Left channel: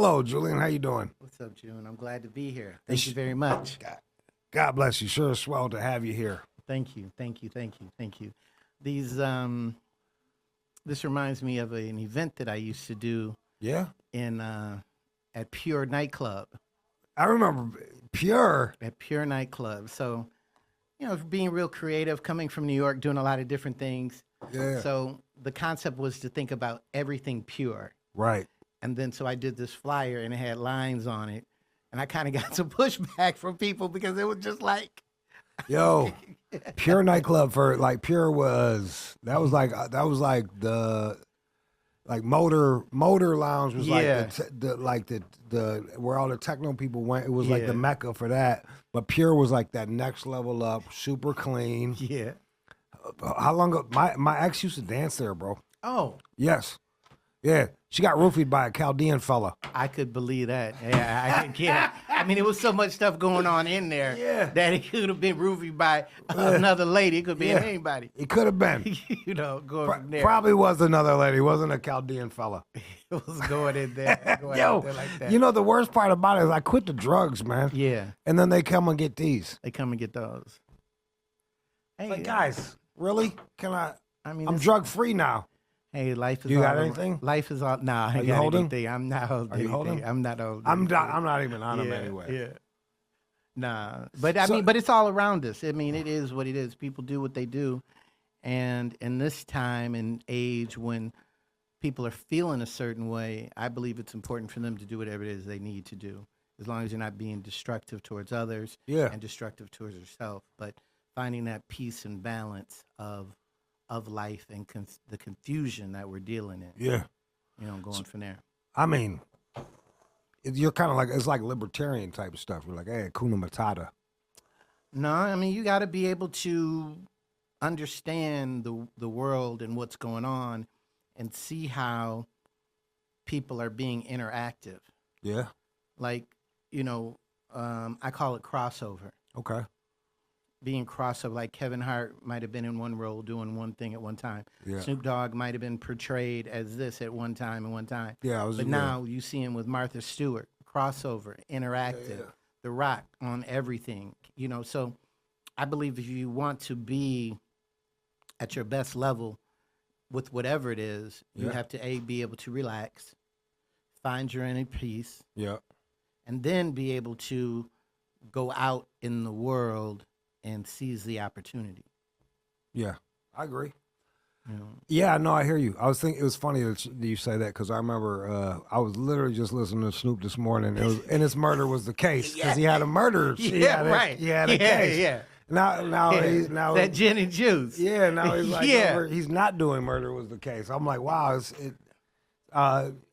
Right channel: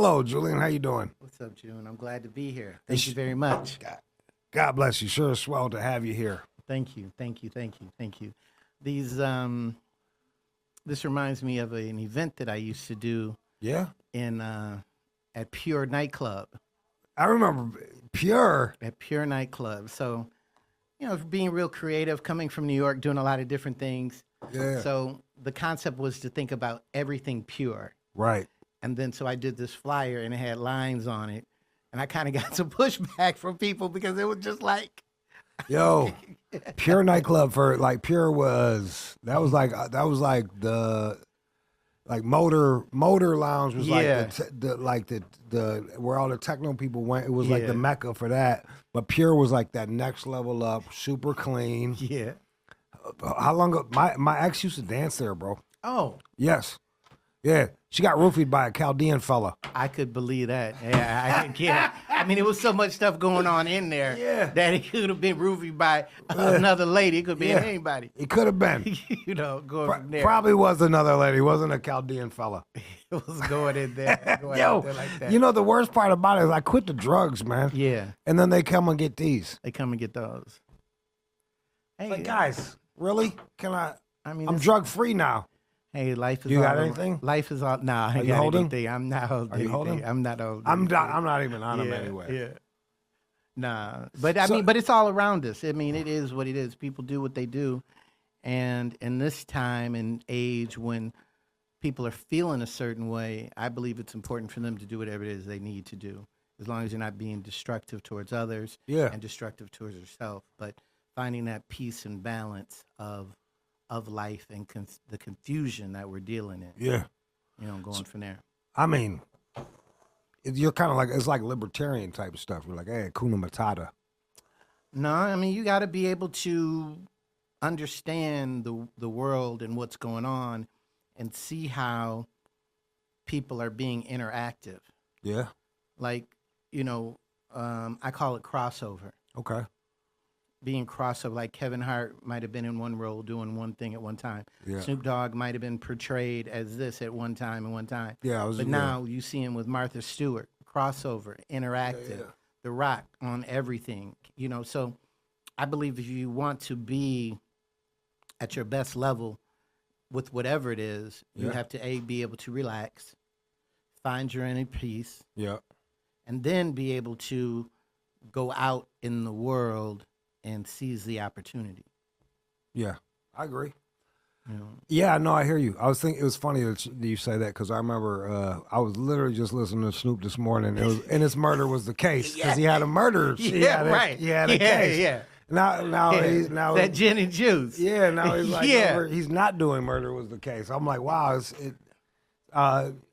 Hello, Julian. How you doing? What's up, June? I'm glad to be here. Thank you very much. God bless you. Sure is swell to have you here. Thank you. These this reminds me of an event that I used to do. Yeah. In at Pure Nightclub. I remember Pure. At Pure Nightclub. So, being real creative, coming from New York, doing a lot of different things. Yeah. So the concept was to think about everything pure. Right. And then so I did this flyer and it had lines on it. And I kind of got some pushback from people because it was just like, yo, Pure Nightclub Pure was the motor lounge was like the where all the techno people went. It was like the mecca for that. But Pure was like that next level up, super clean. Yeah. How long ago? My ex used to dance there, bro. Oh. Yes. Yeah. She got roofied by a Chaldean fella. I could believe that. Yeah, I mean, there was so much stuff going on in there that it could have been roofied by another lady. It could be anybody. It could have been. Going from there. Probably was another lady. It wasn't a Chaldean fella. It was going in there. Yo, like that. The worst part about it is I quit the drugs, man. Yeah. And then they come and get these. They come and get those. Hey, like, guys, really? I mean, I'm drug free now. Hey, life is. You got anything? Life is all. Nah, I Are ain't you got holding? anything. I'm not holding. Are you holding? I'm not holding. I'm not even on them anyway. Yeah. Nah, but but it's all around us. I mean, it is what it is. People do what they do, and in this time and age when people are feeling a certain way, I believe it's important for them to do whatever it is they need to do, as long as you're not being destructive towards others and destructive towards yourself. But finding that peace and balance of life and the confusion that we're dealing in. Yeah. Going from there. I mean, you're kind of like, it's like libertarian type of stuff. We're like, hey, Hakuna Matata. No, I mean, you got to be able to understand the world and what's going on and see how people are being interactive. Yeah. Like, I call it crossover. Okay. Being crossover, like Kevin Hart might have been in one role doing one thing at one time. Yeah. Snoop Dogg might have been portrayed as this at one time and one time. Yeah, but now you see him with Martha Stewart, crossover, interactive, The Rock on everything. So I believe if you want to be at your best level with whatever it is, you have to be able to relax, find your inner peace, and then be able to go out in the world and seize the opportunity. Yeah, I agree. Yeah, no, I hear you. I was thinking it was funny that you say that because I remember I was literally just listening to Snoop this morning, and his murder was the case because he had a murder. He had a case. Yeah. Now he's that gin and juice. Yeah, now he's like he's not doing murder was the case. I'm like, wow.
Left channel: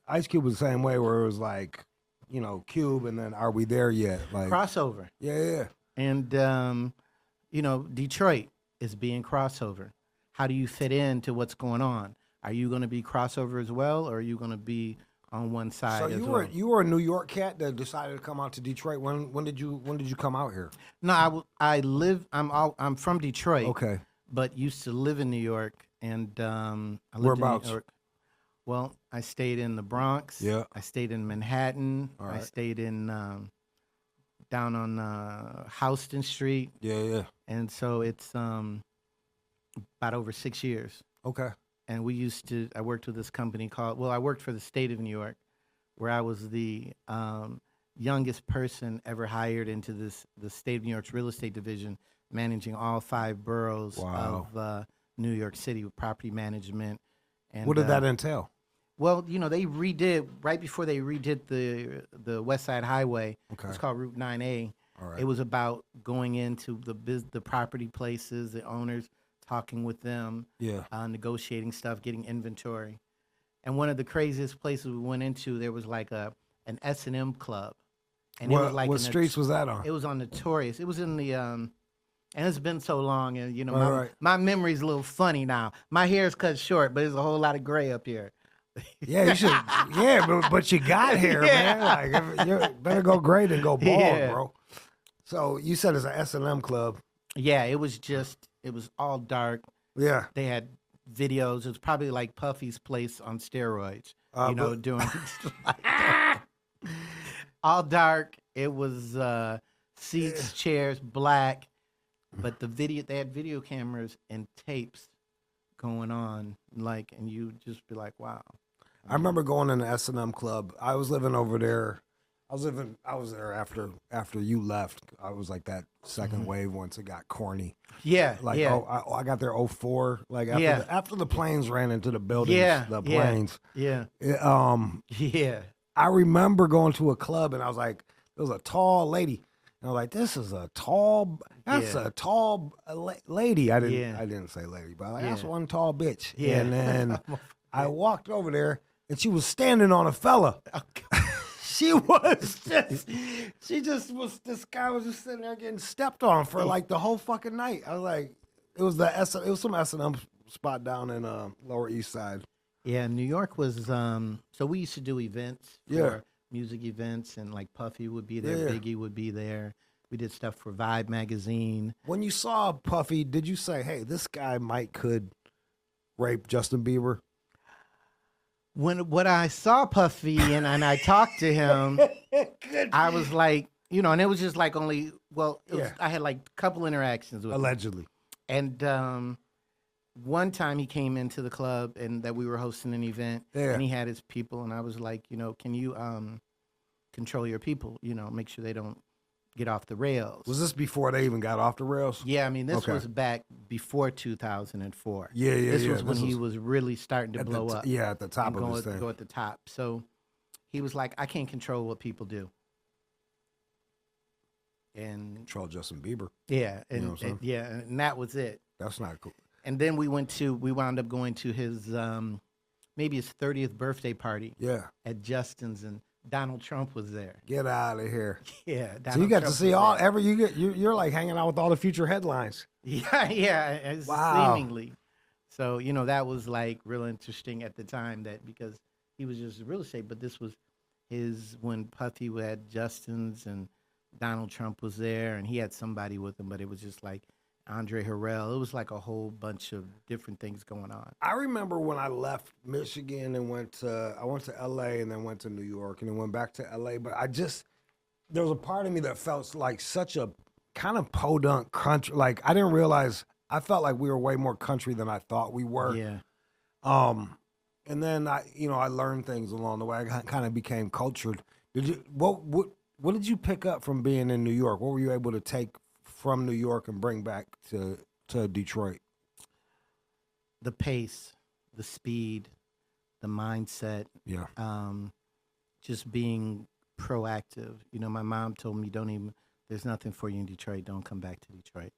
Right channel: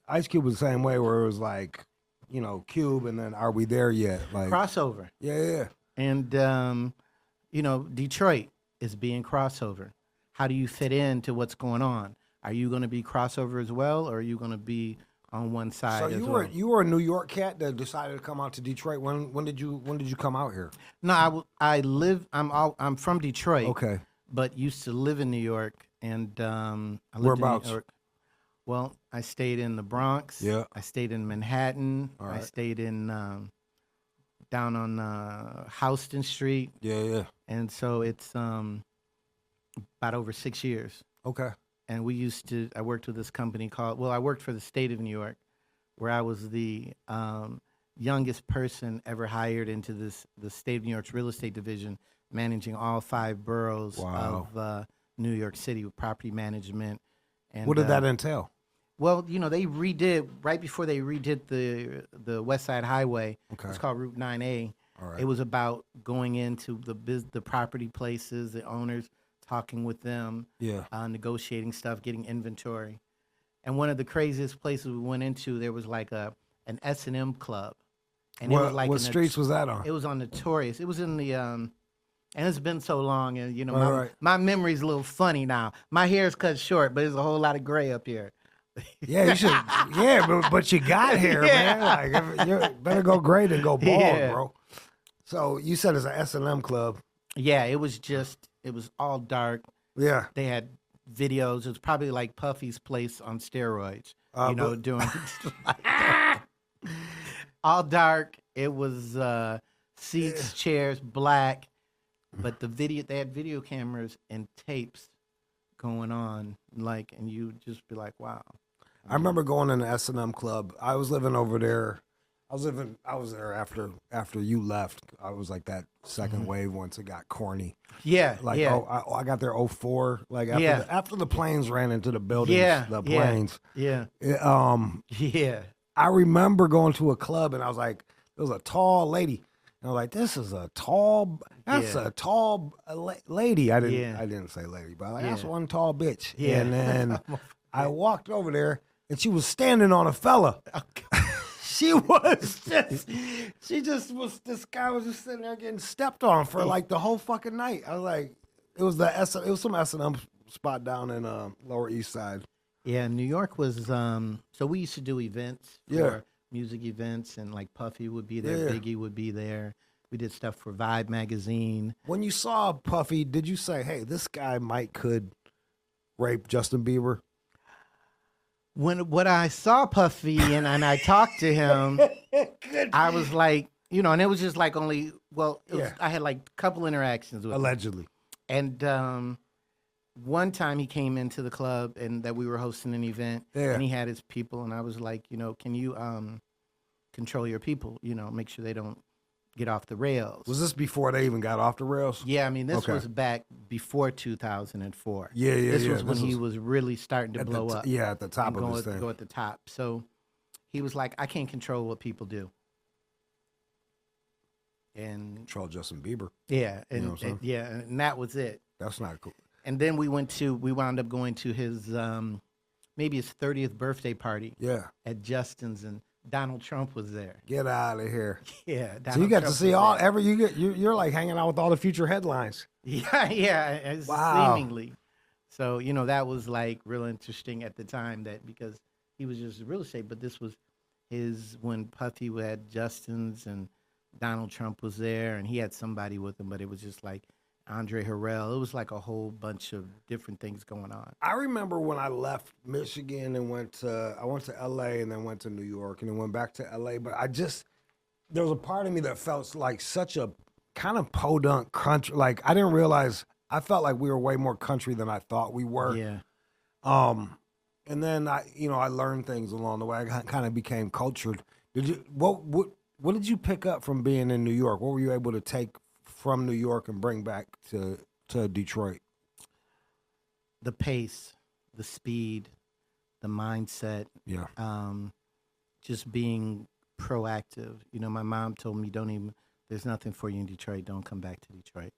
Ice Cube was the same way where it was like, Cube, and then are we there yet? Like crossover. Yeah. And Detroit is being crossover. How do you fit into what's going on? Are you going to be crossover as well, or are you going to be on one side as well? You were a New York cat that decided to come out to Detroit. When did you come out here? No, I'm from Detroit. Okay. But used to live in New York, and I lived Whereabouts? in New York. Well, I stayed in the Bronx. Yeah. I stayed in Manhattan. All right. I stayed in down on Houston Street. Yeah. And so it's about over 6 years. Okay. And I worked with this company I worked for the state of New York, where I was the youngest person ever hired into the state of New York's real estate division, managing all 5 boroughs of New York City with property management. And what did that entail? Well, they redid, right before they redid the West Side Highway. Okay. It's called Route 9A. All right. It was about going into the property places, the owners, talking with them, negotiating stuff, getting inventory. And one of the craziest places we went into, there was like an SNM Club. And it was like what streets was that on? It was on Notorious. It was in the and it's been so long, and right. my memory's a little funny now. My hair's cut short, but there's a whole lot of gray up here. Yeah, you should. Yeah, but you got here, man. Like, you better go great and go bald, bro. So you said it's an S&M club. Yeah, it was all dark. Yeah. They had videos. It was probably like Puffy's place on steroids. Doing like all dark. It was seats, chairs, black. But they had video cameras and tapes going on, like, and you just be like, wow. I remember going in the SNM Club. I was living over there. I was there after you left. I was like that second wave once it got corny. Yeah, Like, yeah. I got there 04. Like after the planes ran into the buildings, the Yeah, planes. yeah. Yeah. I remember going to a club and I was like, there was a tall lady. And I was like, that's a tall lady. I didn't say lady, but like, that's one tall bitch. Yeah. And then I walked over there and she was standing on a fella. She just was, this guy was just sitting there getting stepped on for like the whole fucking night. I was like, it was some S&M spot down in Lower East Side. Yeah, New York was, so we used to do events for music events, and like Puffy would be there, Biggie would be there. We did stuff for Vibe magazine. When you saw Puffy, did you say, hey, this guy could rape Justin Bieber? When I saw Puffy and I talked to him, I was like, and it was just like only, I had like a couple interactions with him. Allegedly. And one time he came into the club and that we were hosting an event and he had his people, and I was like, can you control your people, make sure they don't get off the rails. Was this before they even got off the rails? Yeah, I mean, this was back before 2004. Yeah. This was when he was really starting to blow up. Yeah, at the top of his thing. Go at the top. So he was like, I can't control what people do. And control Justin Bieber. Yeah, and that was it. That's not cool. And then we wound up going to his maybe his 30th birthday party. Yeah. At Justin's, and Donald Trump was there. Get out of here. Yeah. So you got to see you're like hanging out with all the future headlines. Yeah. Wow. Seemingly. So, that was like real interesting at the time, because he was just real estate, but this was when Puffy had Justin's and Donald Trump was there, and he had somebody with him, but it was just like Andre Harrell. It was like a whole bunch of different things going on. I remember when I left Michigan and went to LA and then went to New York and then went back to LA, but there was a part of me that felt like such a kind of podunk country. Like, I didn't realize, I felt like we were way more country than I thought we were. Yeah. And then I learned things along the way. I kind of became cultured. What did you pick up from being in New York? What were you able to take from New York and bring back to Detroit? The pace, the speed, the mindset. Yeah. Just being proactive. My mom told me, there's nothing for you in Detroit. Don't come back to Detroit.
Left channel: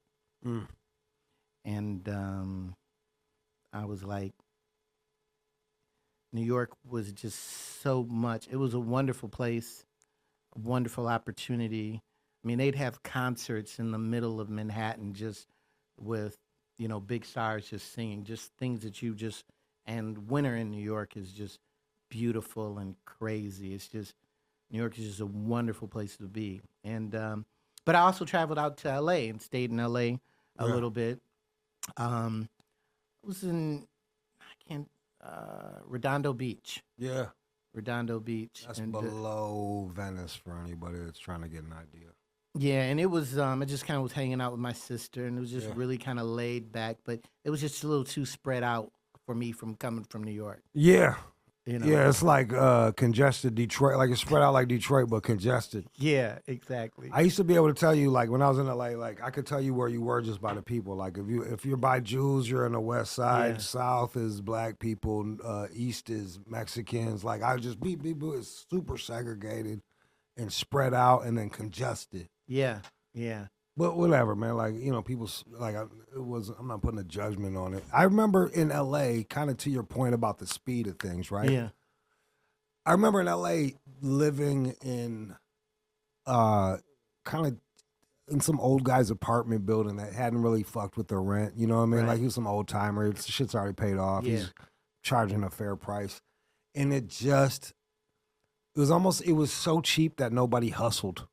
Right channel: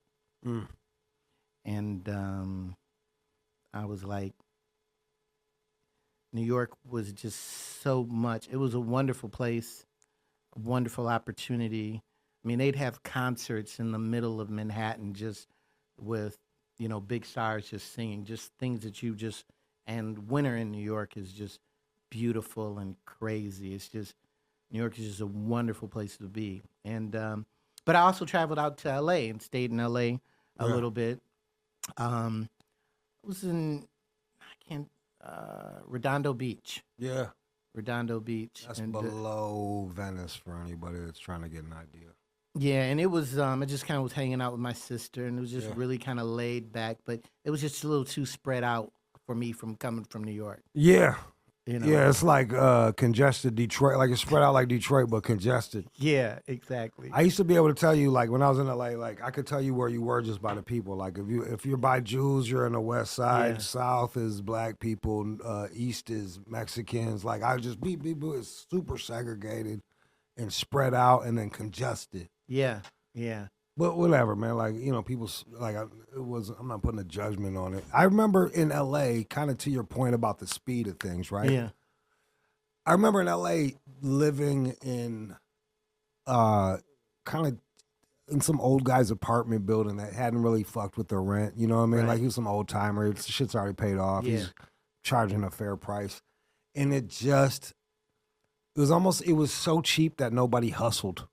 Mm. And I was like, New York was just so much. It was a wonderful place, a wonderful opportunity. I mean, they'd have concerts in the middle of Manhattan just with, big stars just singing, just things that and winter in New York is just beautiful and crazy. It's just, New York is just a wonderful place to be. And, but I also traveled out to LA and stayed in LA a little bit. I was in, Redondo Beach. Yeah. Redondo Beach. That's below Venice for anybody that's trying to get an idea. Yeah, and it was, I just kind of was hanging out with my sister, and it was just really kind of laid back, but it was just a little too spread out for me from coming from New York. Yeah. Yeah, it's like congested Detroit, like it's spread out like Detroit, but congested. Yeah, exactly. I used to be able to tell you, like when I was in LA, like I could tell you where you were just by the people. Like if you're by Jews, you're in the West Side. South is black people. East is Mexicans. Like I just it's super segregated and spread out and then congested. Yeah. But whatever, man. Like, people, like, I'm not putting a judgment on it. I remember in LA, kind of to your point about the speed of things, right? Yeah. I remember in LA living in kind of in some old guy's apartment building that hadn't really fucked with the rent. You know what I mean? Right. Like, he was some old timer. Shit's already paid off. Yeah. He's charging a fair price. And it was so cheap that nobody hustled.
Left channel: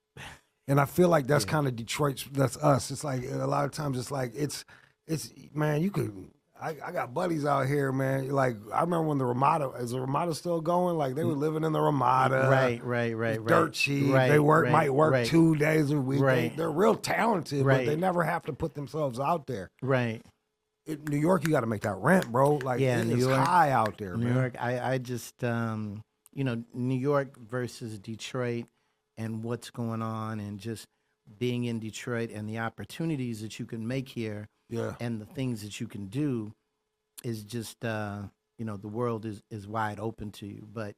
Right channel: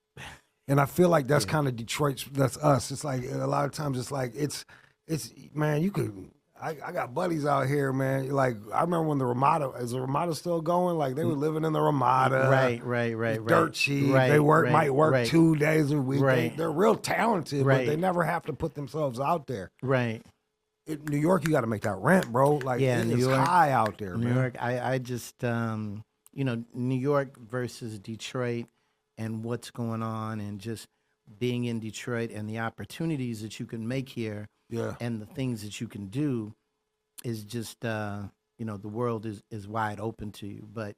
And I feel like that's kind of Detroit. That's us. It's like a lot of times it's like it's man. I got buddies out here, man. Like I remember when the Ramada is the Ramada still going? Like they were living in the Ramada. Right. Dirt cheap. Right, they might work right. 2 days a week. Right. They're real talented, Right. but they never have to put themselves out there. Right. In New York, you got to make that rent, bro. Like it's high out there, New man. York, I just New York versus Detroit and what's going on and just being in Detroit and the opportunities that you can make here and the things that you can do is just the world is wide open to you. But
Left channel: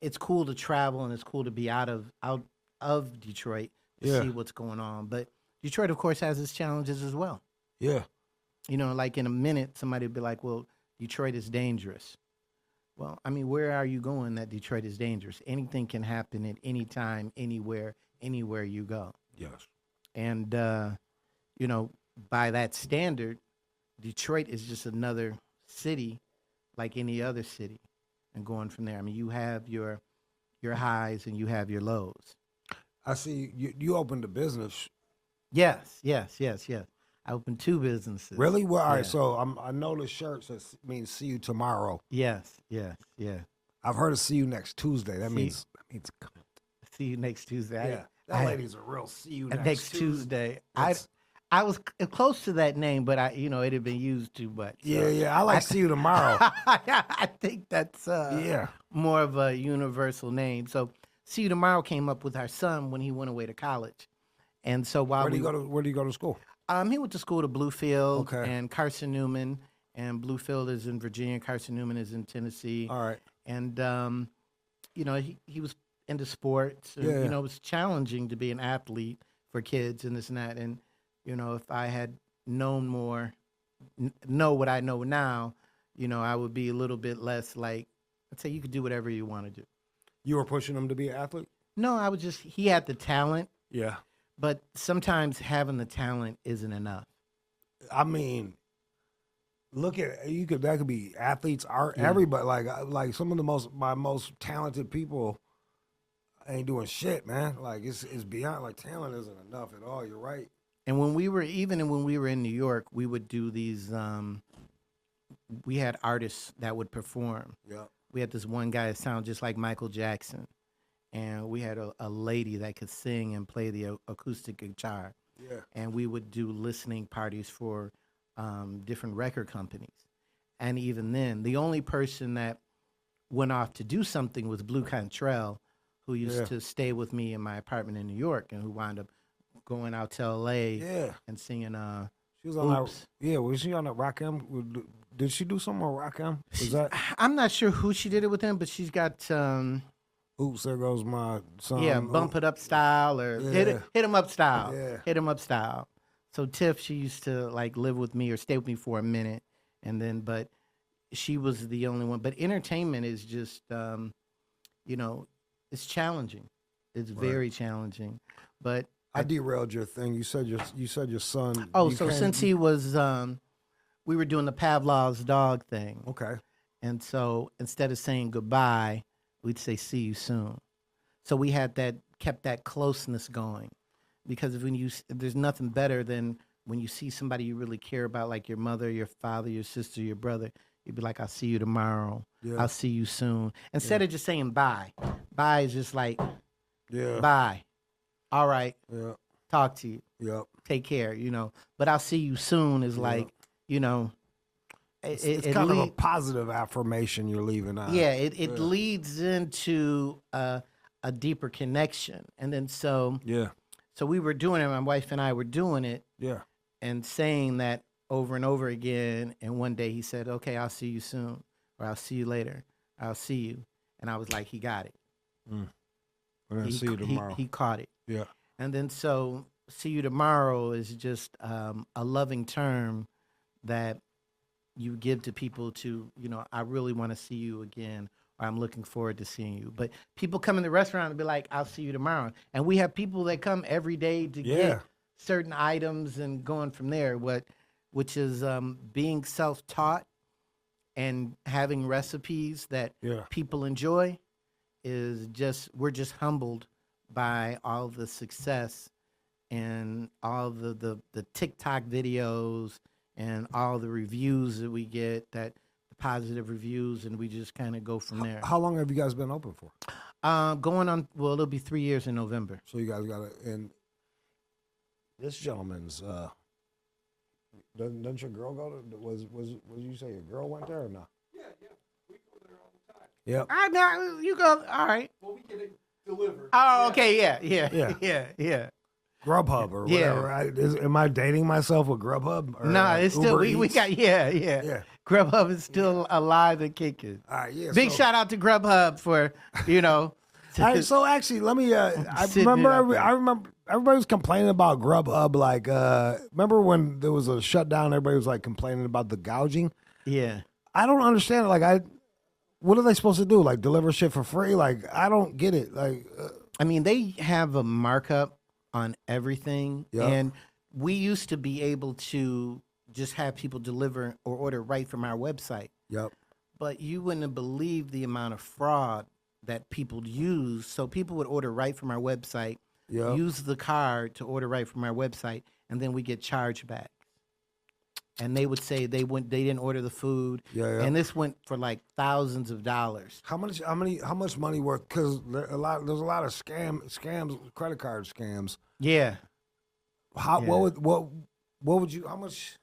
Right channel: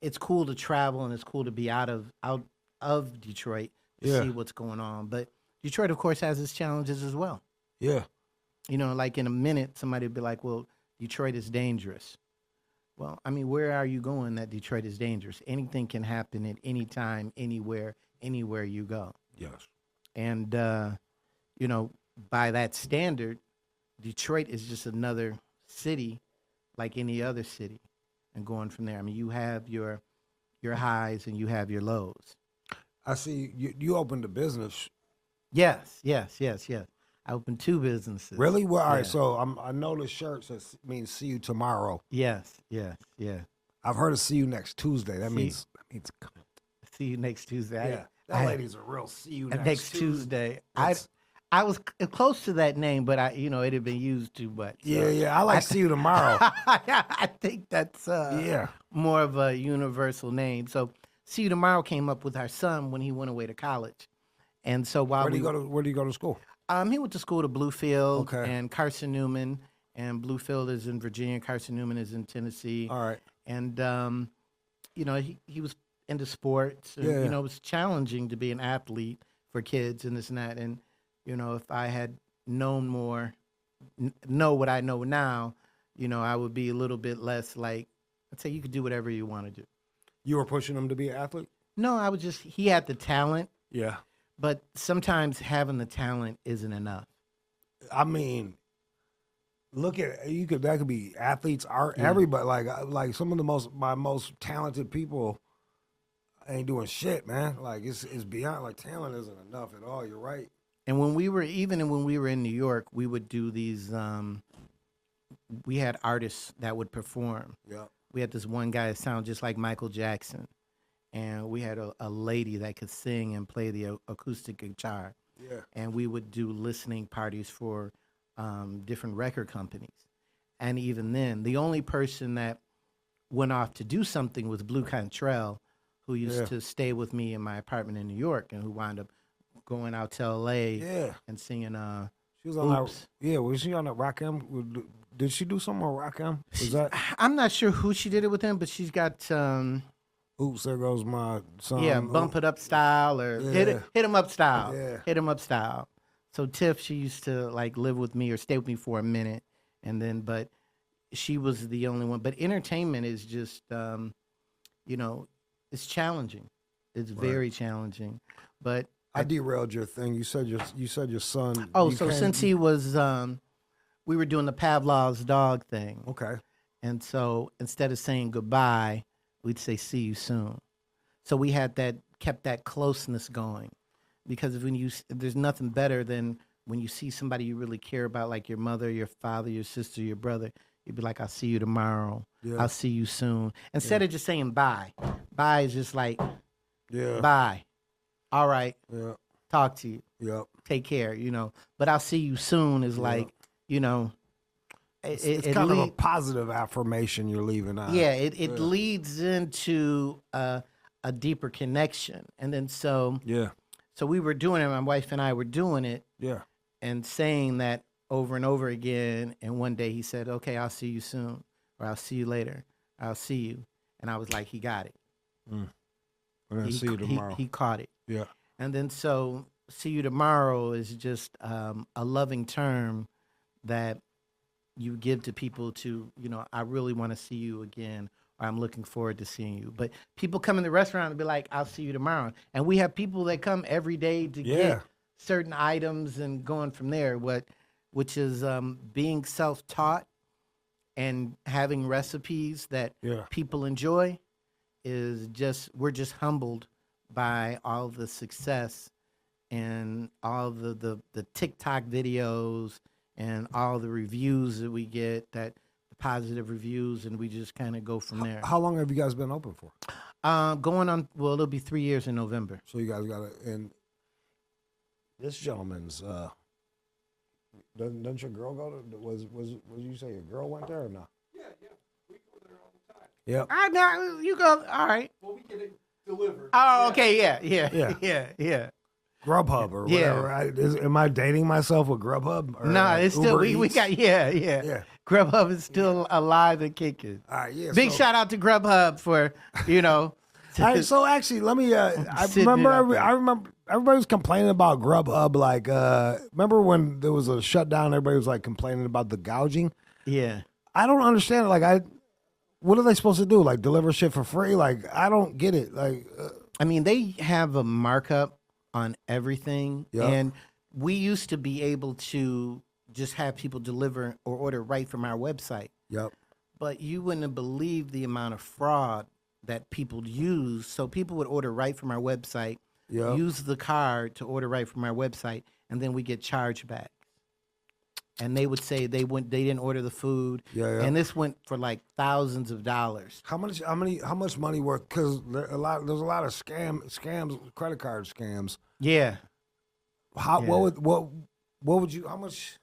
it's cool to travel and it's cool to be out of Detroit to see what's going on. But Detroit, of course, has its challenges as well. Yeah. Like in a minute, somebody would be like, well, Detroit is dangerous. Well, I mean, where are you going that Detroit is dangerous? Anything can happen at any time, anywhere you go. Yes. And, by that standard, Detroit is just another city like any other city. And going from there, I mean, you have your highs and you have your lows. I see you opened a business. Yes. I opened 2 businesses. Really? Well, all right. So I know the shirt says means see you tomorrow. Yes. I've heard of see you next Tuesday. That means see you next Tuesday. Yeah, that lady's a real see you next Tuesday. I was close to that name, but it had been used too much. So. Yeah. I like see you tomorrow. I think that's more of a universal name. So see you tomorrow came up with our son when he went away to college, and so while where do you go to school? He went to school to Bluefield and Carson Newman, and Bluefield is in Virginia, Carson Newman is in Tennessee. All right. And, he was into sports. And, it was challenging to be an athlete for kids and this and that. And, if I had known more, know what I know now, I would be a little bit less like, I'd say you could do whatever you want to do. You were pushing him to be an athlete? No, he had the talent. Yeah. But sometimes having the talent isn't enough. I mean, that could be athletes, art, everybody. Like some of my most talented people ain't doing shit, man. Like it's beyond like talent isn't enough at all. You're right. And when we were in New York, we would do these. We had artists that would perform. Yeah. We had this one guy that sounded just like Michael Jackson. And we had a lady that could sing and play the acoustic guitar. Yeah. And we would do listening parties for different record companies. And even then, the only person that went off to do something was Blue Cantrell, who used to stay with me in my apartment in New York and who wound up going out to L.A. and singing She was on that. Was she on that Rock M? Did she do something on Rock M? I'm not sure who she did it with him, but she's got... Oops, there goes my son. Yeah, Bump It Up Style or Hit 'Em Up Style. Yeah. Hit 'Em Up Style. So Tiff, she used to like live with me or stay with me for a minute, but she was the only one. But entertainment is just, it's challenging. It's very challenging. But I derailed your thing. You said your son. Oh, so since he was, we were doing the Pavlov's dog thing. Okay. And so instead of saying goodbye, we'd say, see you soon. So we kept that closeness going. Because there's nothing better than when you see somebody you really care about, like your mother, your father, your sister, your brother, you'd be like, I'll see you tomorrow. Yeah. I'll see you soon. Instead of just saying bye. Bye is just like, bye. All right. Yeah. Talk to you. Yeah. Take care, But I'll see you soon is like, It's kind of a positive affirmation you're leaving out. Yeah, it leads into a deeper connection. And then so we were doing it, my wife and I were doing it and saying that over and over again. And one day he said, okay, I'll see you soon, or I'll see you later. I'll see you. And I was like, he got it. I'll see you tomorrow. He caught it. Yeah. And then so see you tomorrow is just a loving term that you give to people to, I really want to see you again, or I'm looking forward to seeing you. But people come in the restaurant and be like, I'll see you tomorrow. And we have people that come every day to get certain items and going from there, which is being self-taught and having recipes that people enjoy we're just humbled by all the success and all the TikTok videos and all the reviews that we get, that the positive reviews, and we just kind of go from there. How long have you guys been open for? Going on, well, it'll be 3 years in November. So you guys got it. And this gentleman's, doesn't your girl go to, was you say your girl went there or not? Yeah. We go there all the time. Yep. I know, you go, all right. Well, we get it delivered. Oh, okay, yeah. Grubhub or whatever. Am I dating myself with Grubhub? Or No, it's still, we got, yeah. Grubhub is still alive and kicking. All right, yeah. Big shout out to Grubhub for, So actually, let me. I remember everybody was complaining about Grubhub. Like, remember when there was a shutdown? Everybody was like complaining about the gouging. Yeah. I don't understand. Like, what are they supposed to do? Like, deliver shit for free? Like, I don't get it. Like, I mean, they have a markup on everything, and we used to be able to just have people deliver or order right from our website. Yep. But you wouldn't have believed the amount of fraud that people use. So people would order right from our website, use the card to order right from our website, and then we get charged back. And they would say they didn't order the food, and this went for like thousands of dollars. How much money worth? Because there's a lot of scams, credit card scams. Yeah. What would you? How much?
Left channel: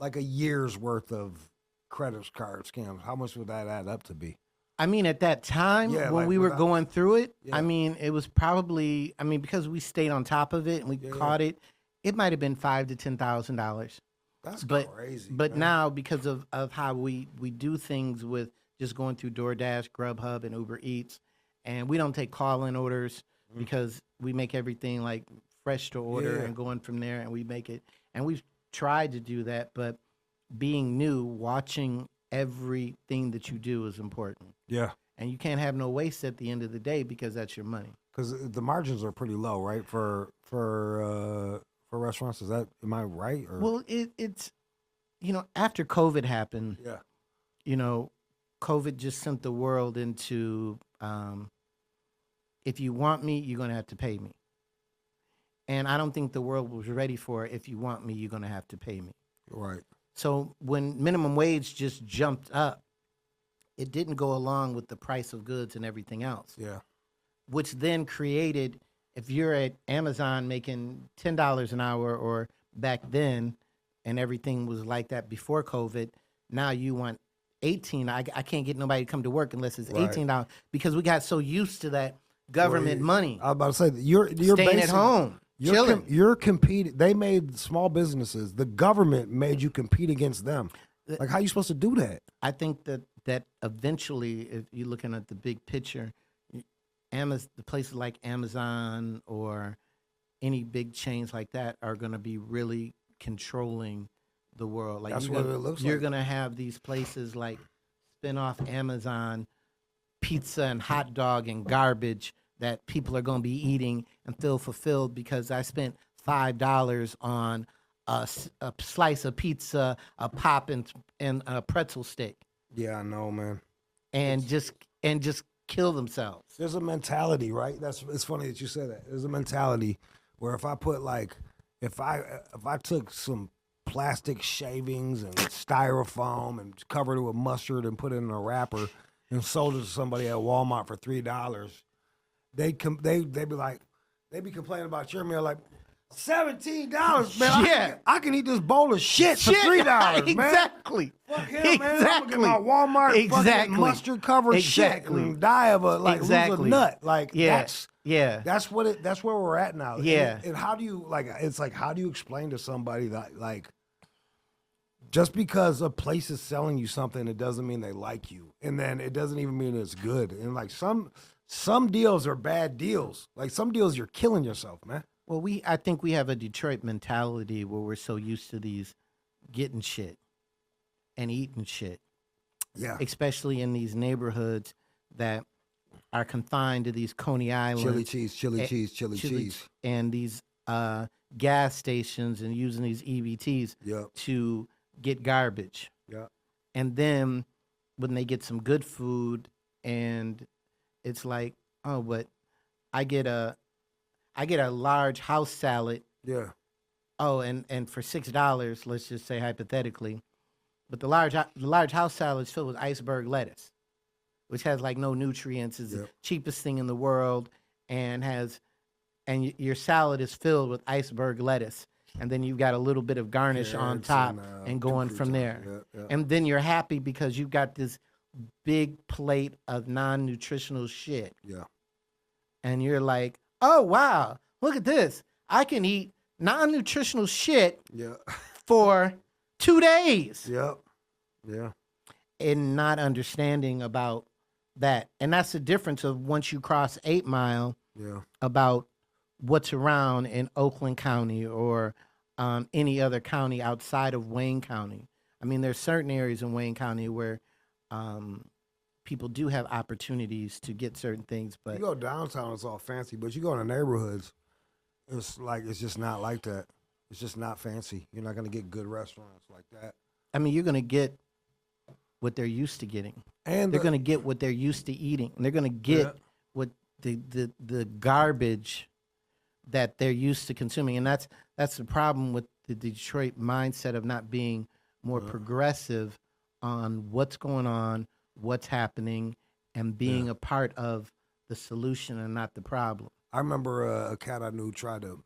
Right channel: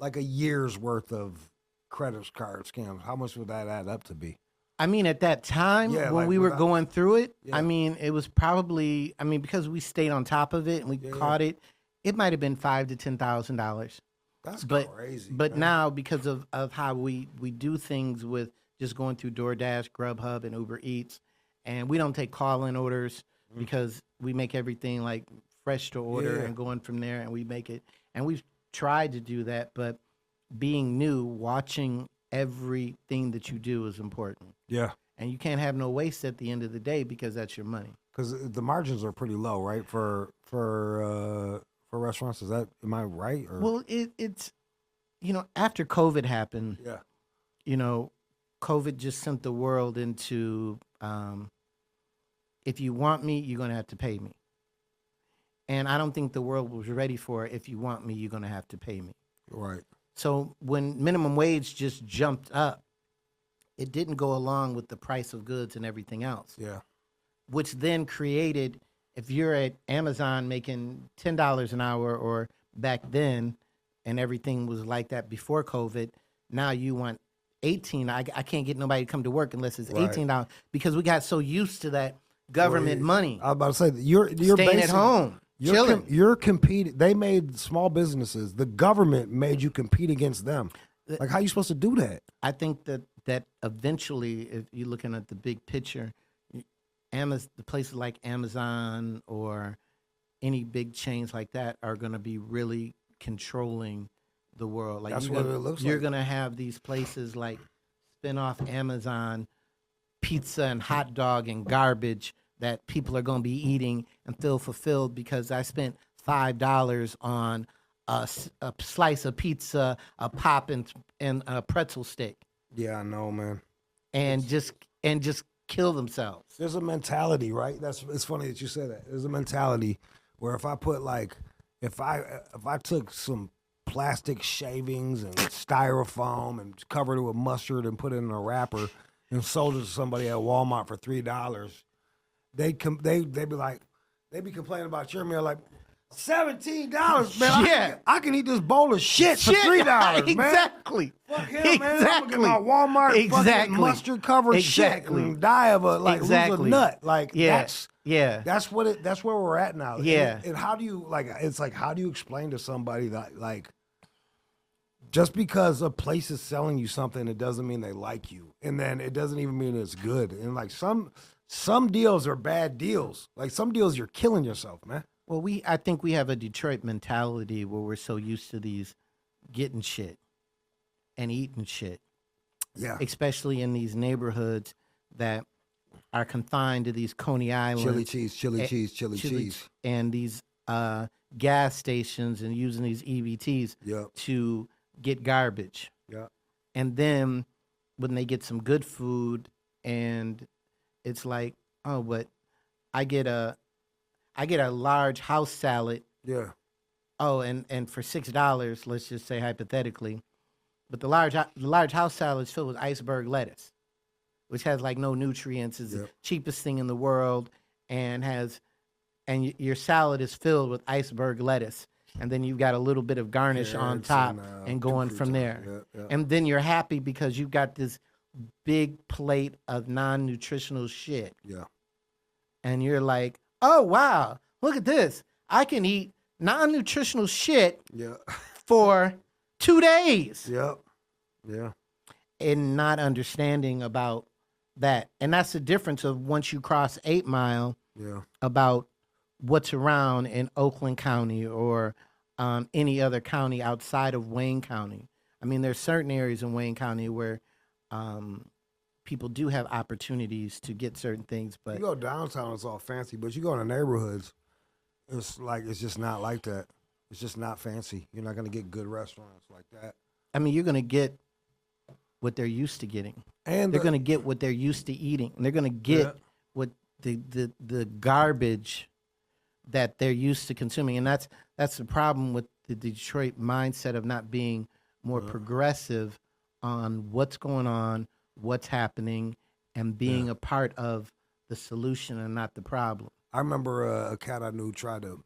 Like a year's worth of credit card scams. How much would that add up to be? I mean, at that time when we were going through it, I mean, it was probably, because we stayed on top of it and we caught it, it might have been $5,000 to $10,000. That's crazy. But now, because of how we do things with just going through DoorDash, Grubhub, and Uber Eats, and we don't take call-in orders because we make everything like fresh to order and going from there, and we make it. And we've tried to do that, but being new, watching everything that you do is important. Yeah. And you can't have no waste at the end of the day because that's your money. Because the margins are pretty low, right? For restaurants, am I right? Or? Well, it's after COVID happened, COVID just sent the world into if you want me, you're gonna have to pay me. And I don't think the world was ready for if you want me, you're gonna have to pay me. Right. So when minimum wage just jumped up, it didn't go along with the price of goods and everything else. Yeah. Which then created, if you're at Amazon making $10 an hour, or back then, and everything was like that before COVID, now you want $18. I can't get nobody to come to work unless it's $18 because we got so used to that government money. I was about to say, you're staying at home. You're competing. They made small businesses. The government made you compete against them. Like, how are you supposed to do that? I think that eventually, if you're looking at the big picture, the places like Amazon or any big chains like that are going to be really controlling the world. Like, that's what it looks like. You're going to have these places like spin off Amazon pizza and hot dog and garbage that people are going to be eating and feel fulfilled because I spent $5 on a slice of pizza, a pop, and a pretzel stick. Yeah, I know, man. And just kill themselves. There's a mentality, right? It's funny that you said that. There's a mentality where if I put if I took some plastic shavings and styrofoam and covered it with mustard and put it in a wrapper and sold it to somebody at Walmart for $3, they'd be complaining about your meal like, $17, man. Yeah. I can eat this bowl of shit for $3, man. Exactly. Fuck him, man. Exactly. My Walmart fucking mustard covered shit and die of a lose a nut. Like, that's where we're at now. Yeah. And how do you how do you explain to somebody that, like, just because a place is selling you something, it doesn't mean they like you, and then it doesn't even mean it's good. And like some deals are bad deals. Like, some deals you're killing yourself, man. Well, I think we have a Detroit mentality where we're so used to these getting shit and eating shit. Yeah. Especially in these neighborhoods that are confined to these Coney Islands. Chili cheese. And these gas stations and using these EBTs to get garbage. Yeah. And then when they get some good food and it's like, oh, but I get a large house salad. Yeah. oh, and for $6, let's just say hypothetically, but the large house salad is filled with iceberg lettuce, which has like no nutrients, is the cheapest thing in the world, and your salad is filled with iceberg lettuce, and then you've got a little bit of garnish on top and going from there. And then you're happy because you've got this big plate of non-nutritional shit. Yeah. And you're like, oh, wow, look at this. I can eat non-nutritional shit for 2 days. Yep. Yeah. And not understanding about that. And that's the difference of once you cross 8 Mile about what's around in Oakland County or any other county outside of Wayne County. I mean, there's certain areas in Wayne County where people do have opportunities to get certain things. But you go downtown, it's all fancy. But you go in the neighborhoods, it's just not like that. It's just not fancy. You're not going to get good restaurants like that. I mean, you're going to get what they're used to getting. And they're going to get what they're used to eating. And they're going to get what the garbage that they're used to consuming. And that's the problem with the Detroit mindset of not being more progressive on what's going on, what's happening, and being a part of the solution and not the problem. I remember a cat I knew tried to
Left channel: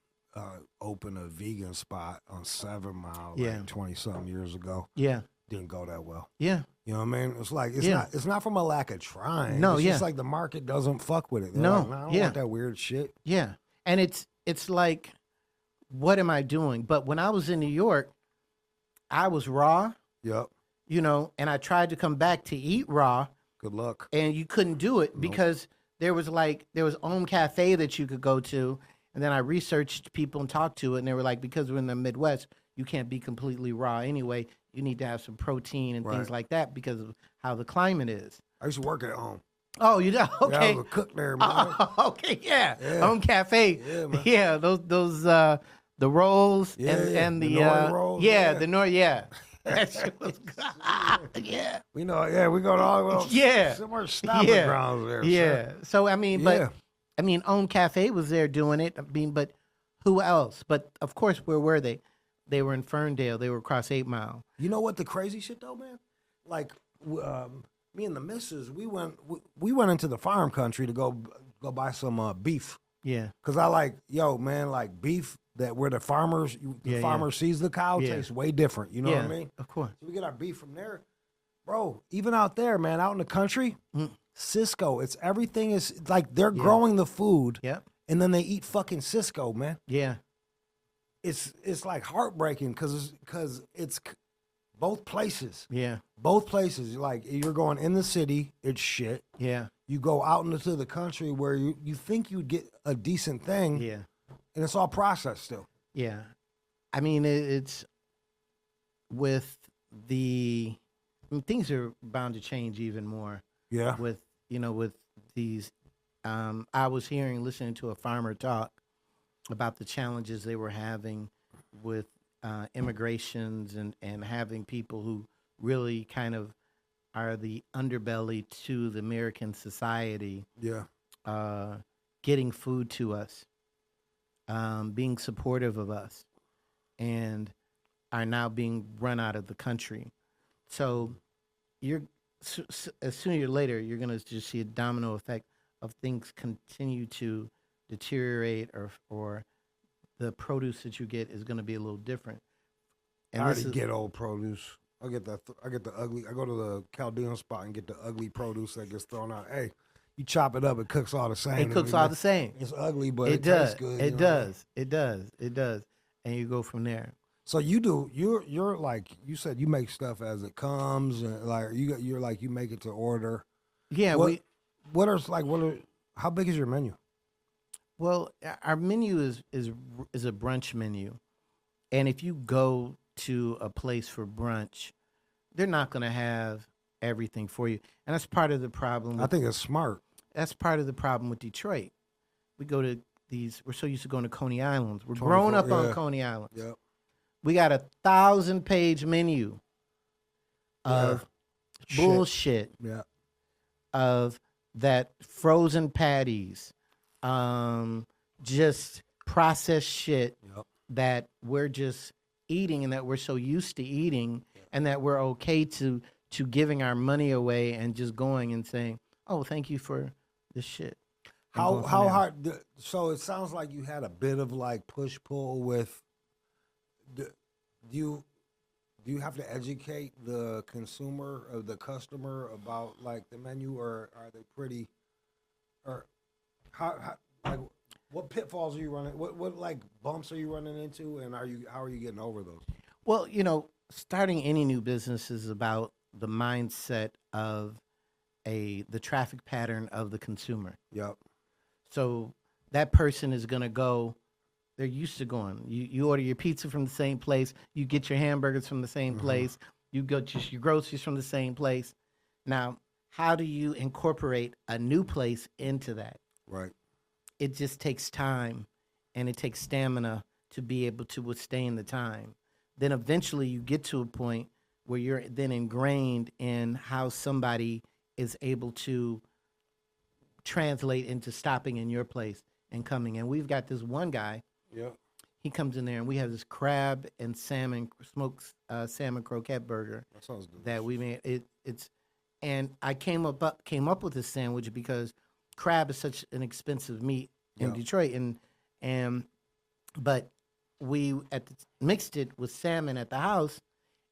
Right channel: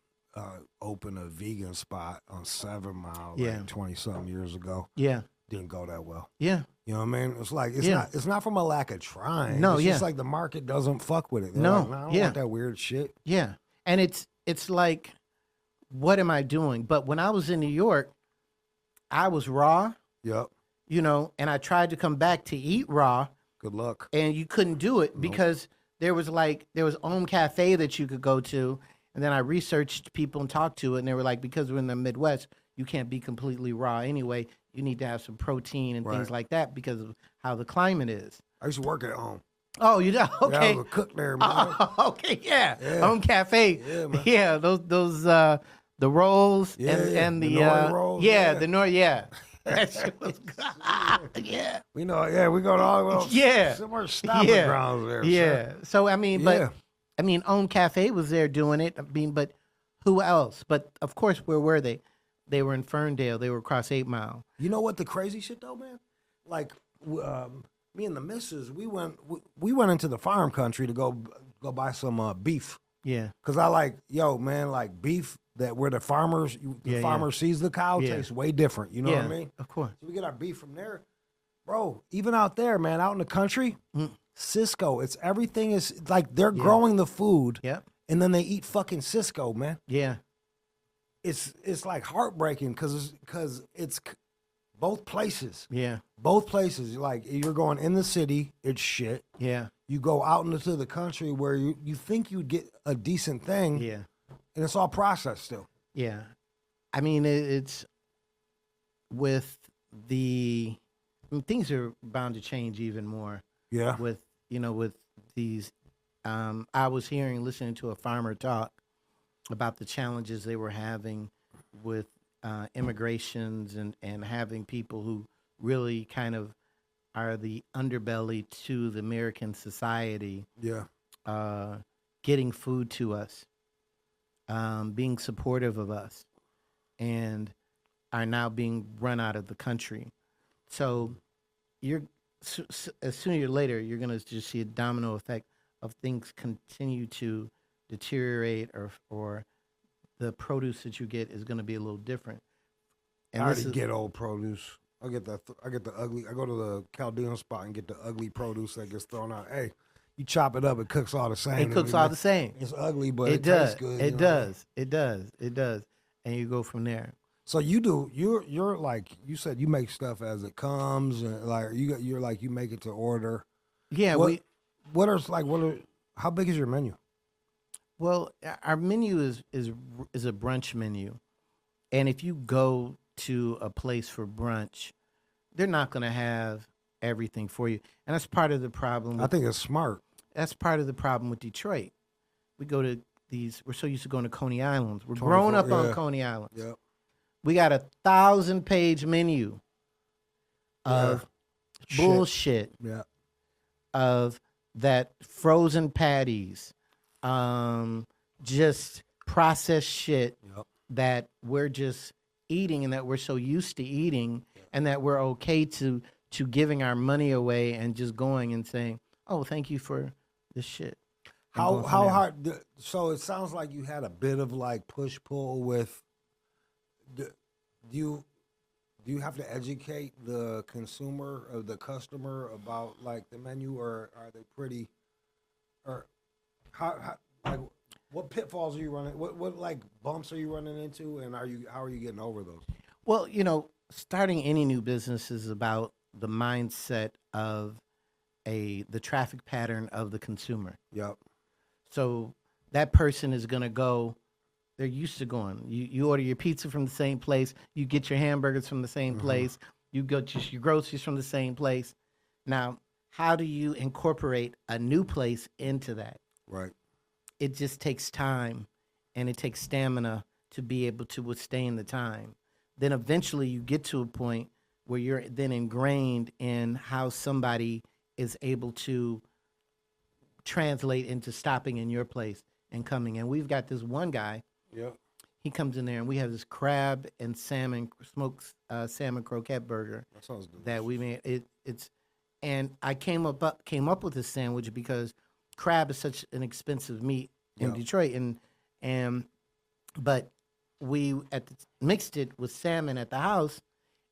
open a vegan spot on 7 Mile like 20-something years ago. Yeah. Didn't go that well. Yeah. You know what I mean? It's like, it's not from a lack of trying. No, it's just like the market doesn't fuck with it. They're like, I don't want that weird shit. Yeah. And it's like, what am I doing? But when I was in New York, I was raw. Yep. You know, and I tried to come back to eat raw. Good luck. And you couldn't do it because there was Om Cafe that you could go to. And then I researched people and talked to it. And they were like, because we're in the Midwest, you can't be completely raw anyway. You need to have some protein and things like that because of how the climate is. I used to work at home. Oh, you know? Okay. Yeah, I was a cook there, man. Okay, yeah. Om Cafe. Yeah, man. Yeah, those the rolls and the rolls. That shit was good. Yeah. We know, we go to all somewhere stomping grounds there. Yeah. So I mean, Om Cafe was there doing it. I mean, but who else? But of course, where were they? They were in Ferndale. They were across 8 Mile. You know what the crazy shit though, man? Like me and the missus, we went into the farm country to go buy some beef. Yeah. Cause I like, beef that where the farmer sees the cow tastes way different. You know what I mean? Of course. So we get our beef from there, bro. Even out there, man, out in the country, Cisco. It's everything is like they're growing the food. Yep. And then they eat fucking Cisco, man. Yeah. It's like heartbreaking because it's both places. Yeah. Both places. Like you're going in the city, it's shit. Yeah. You go out into the country where you think you'd get a decent thing. Yeah. And it's all processed still. Yeah. I mean, it's with things are bound to change even more. Yeah. With these, I was listening to a farmer talk about the challenges they were having with immigrations and having people who really kind of are the underbelly to the American society. Yeah. Getting food to us, being supportive of us, and are now being run out of the country. So sooner or later, you're going to just see a domino effect of things continue to deteriorate or the produce that you get is going to be a little different. And I already get old produce. I get the ugly. I go to the Chaldean spot and get the ugly produce that gets thrown out. Hey, you chop it up, it cooks all the same. It cooks all the same. It's ugly, but it tastes good. It does. It does. And you go from there. So you're like you said, you make stuff as it comes, and like you're like you make it to order. Yeah. How big is your menu? Well, our menu is a brunch menu, and if you go to a place for brunch, they're not going to have everything for you, and that's part of the problem. I think it's smart. That's part of the problem with Detroit. We go to we're so used to going to Coney Islands. We're grown up on Coney Islands. Yep. We got a 1,000-page menu of bullshit. Yeah. Of that frozen patties, just processed shit. Yep. that we're just eating and that we're so used to eating and that we're okay to giving our money away and just going and saying, "Oh, thank you for this shit." How hard? So it sounds like you had a bit of like push pull with. Do you have to educate the consumer or the customer about like the menu, or are they pretty? Or how like what pitfalls are you running? What like bumps are you running into, and how are you getting over those? Well, starting any new business is about the mindset of the traffic pattern of the consumer. Yep. So that person is going to go, they're used to going. You order your pizza from the same place, you get your hamburgers from the same place, you get your groceries from the same place. Now, how do you incorporate a new place into that? Right. It just takes time and it takes stamina to be able to withstand the time. Then eventually you get to a point where you're then ingrained in how somebody is able to translate into stopping in your place and coming. And we've got this one guy. Yeah. He comes in there and we have this crab and salmon smoked salmon croquet burger That sounds good. that we made. It's and I came up with this sandwich because crab is such an expensive meat in Detroit, but we mixed it with salmon at the house,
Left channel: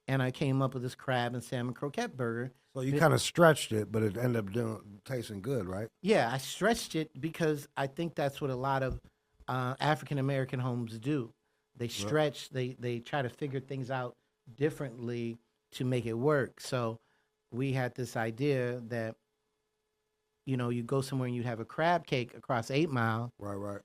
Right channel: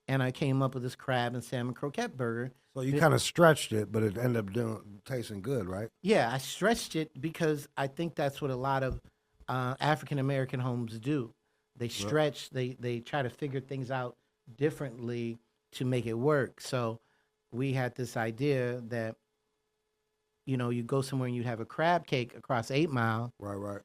and I came up with this crab and salmon croquet burger. So you kind of stretched it, but it ended up tasting good, right? Yeah, I stretched it because I think that's what a lot of African American homes do. They stretch, they try to figure things out differently to make it work. So we had this idea that, you go somewhere and you have a crab cake across 8 Mile. Right.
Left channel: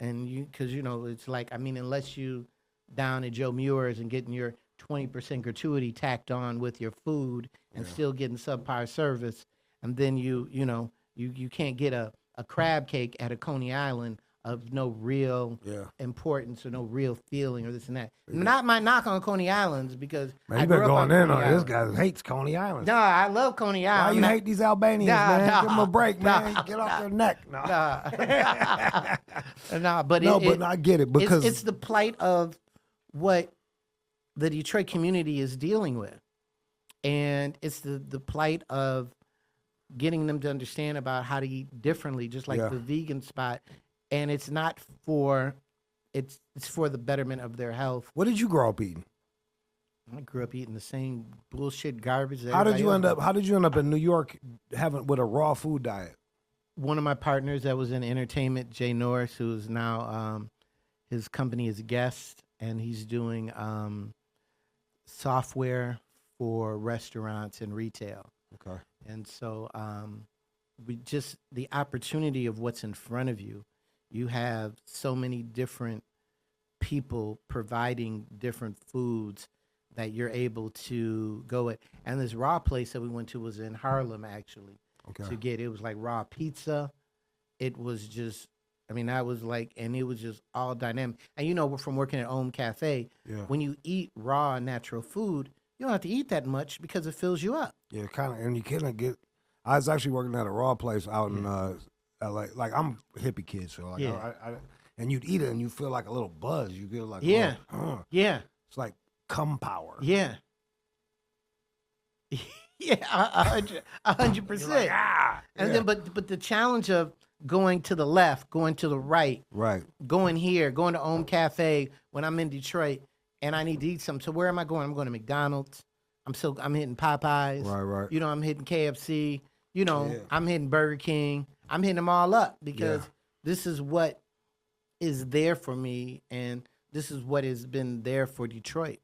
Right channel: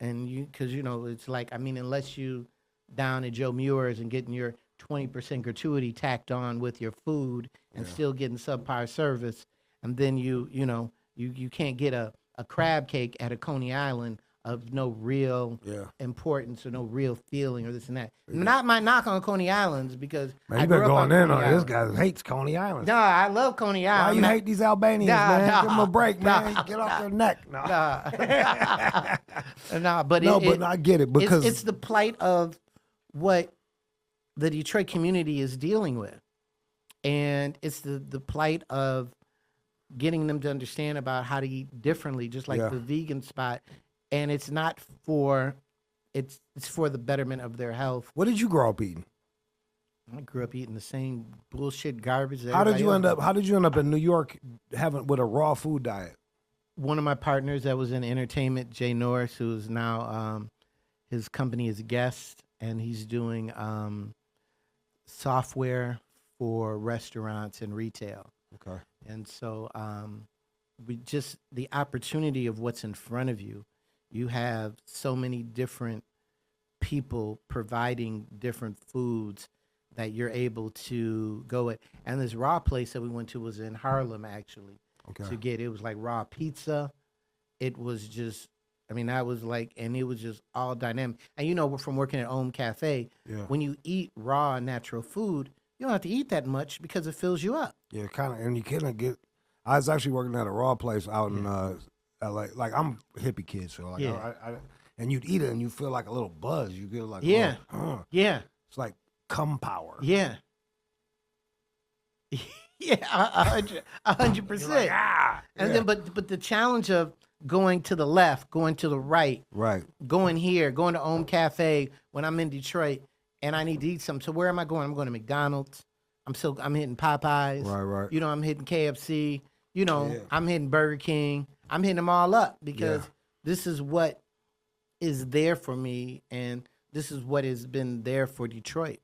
And because, it's like, unless you down at Joe Muir's and getting your 20% gratuity tacked on with your food and still getting subpar service, and then you can't get a crab cake at a Coney Island of no real importance or no real feeling or this and that. Not my knock on Coney Islands because Man, I you been grew up going on in Coney on this Island. guy hates Coney Island. Nah, I love Coney Island. Why you hate these Albanians, man? Nah. Give them a break, man. Get off their neck. No. But I get it because it's the plight of what the Detroit community is dealing with, and it's the plight of getting them to understand about how to eat differently, just like the vegan spot. And it's not for it's for the betterment of their health. What did you grow up eating? I grew up eating the same bullshit garbage. How did you end up in New York with a raw food diet? One of my partners that was in entertainment, Jay Norris, who is now his company is Guest, and he's doing software for restaurants and retail. Okay. And so the opportunity of what's in front of you. You have so many different people providing different foods that you're able to go at. And this raw place that we went to was in Harlem, actually. Okay. It was like raw pizza. It was just, that was like, and it was just all dynamic. And from working at Om Cafe, when you eat raw natural food, you don't have to eat that much because it fills you up. Yeah, kind of, and you kind of get. I was actually working at a raw place out in LA. Like I'm a hippie kid, so like and you'd eat it and you feel like a little buzz. You feel like it's like cum power. Yeah. 100%. Like, and then, but the challenge of going to the left, going to the right, going here, going to Om Cafe when I'm in Detroit and I need to eat something. So where am I going? I'm going to McDonald's. I'm hitting Popeyes. Right. I'm hitting KFC. I'm hitting Burger King. I'm hitting them all up because this is what is there for me, and this is what has been there for Detroit.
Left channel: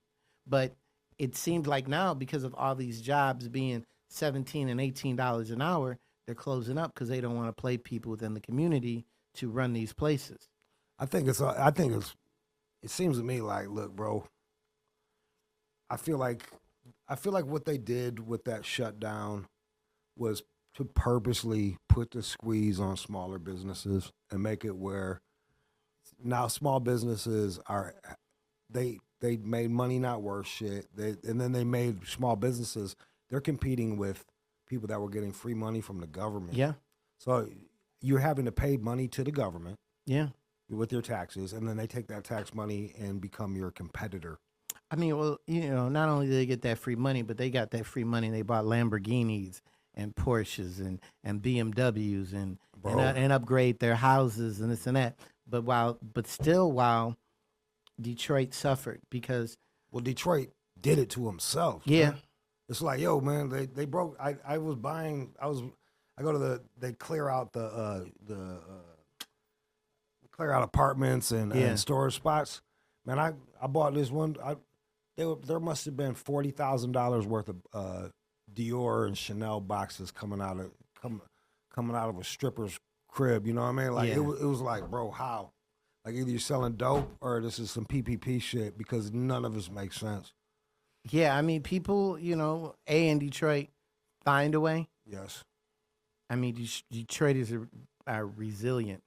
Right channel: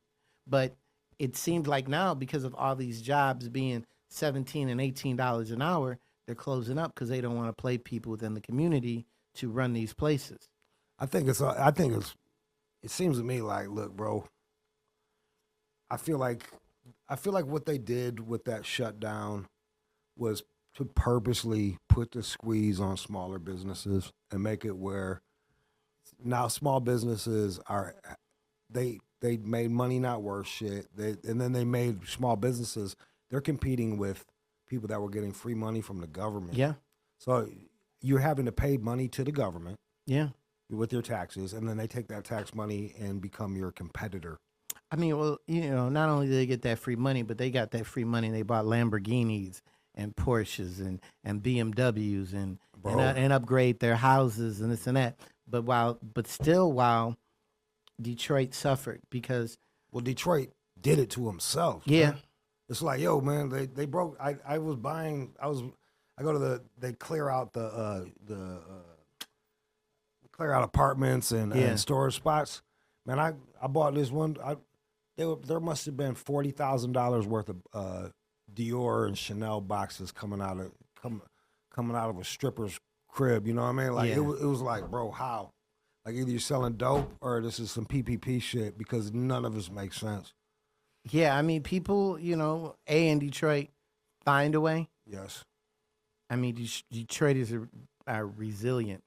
But it seems like now, because of all these jobs being $17 and $18 an hour, they're closing up because they don't want to play people within the community to run these places. It seems to me like, look, bro, I feel like what they did with that shutdown was to purposely put the squeeze on smaller businesses and make it where now small businesses they made money not worth shit. And then they made small businesses, they're competing with people that were getting free money from the government. Yeah. So you're having to pay money to the government. Yeah. with your taxes, and then they take that tax money and become your competitor. I mean, well, not only did they get that free money, but they got that free money and they bought Lamborghinis and Porsches and BMWs and upgrade their houses and this and that. But still, while Detroit suffered because Detroit did it to himself. Yeah. Man. It's like, yo, man, they broke. I go to they clear out clear out apartments and storage spots. Man, I bought this one. There must have been $40,000 worth of Dior and Chanel boxes coming out of a stripper's crib. You know what I mean? Like it was like, bro, how? Like either you're selling dope or this is some PPP shit because none of this makes sense. Yeah, I mean, people, in Detroit find a way. Yes. I mean, Detroiters are resilient.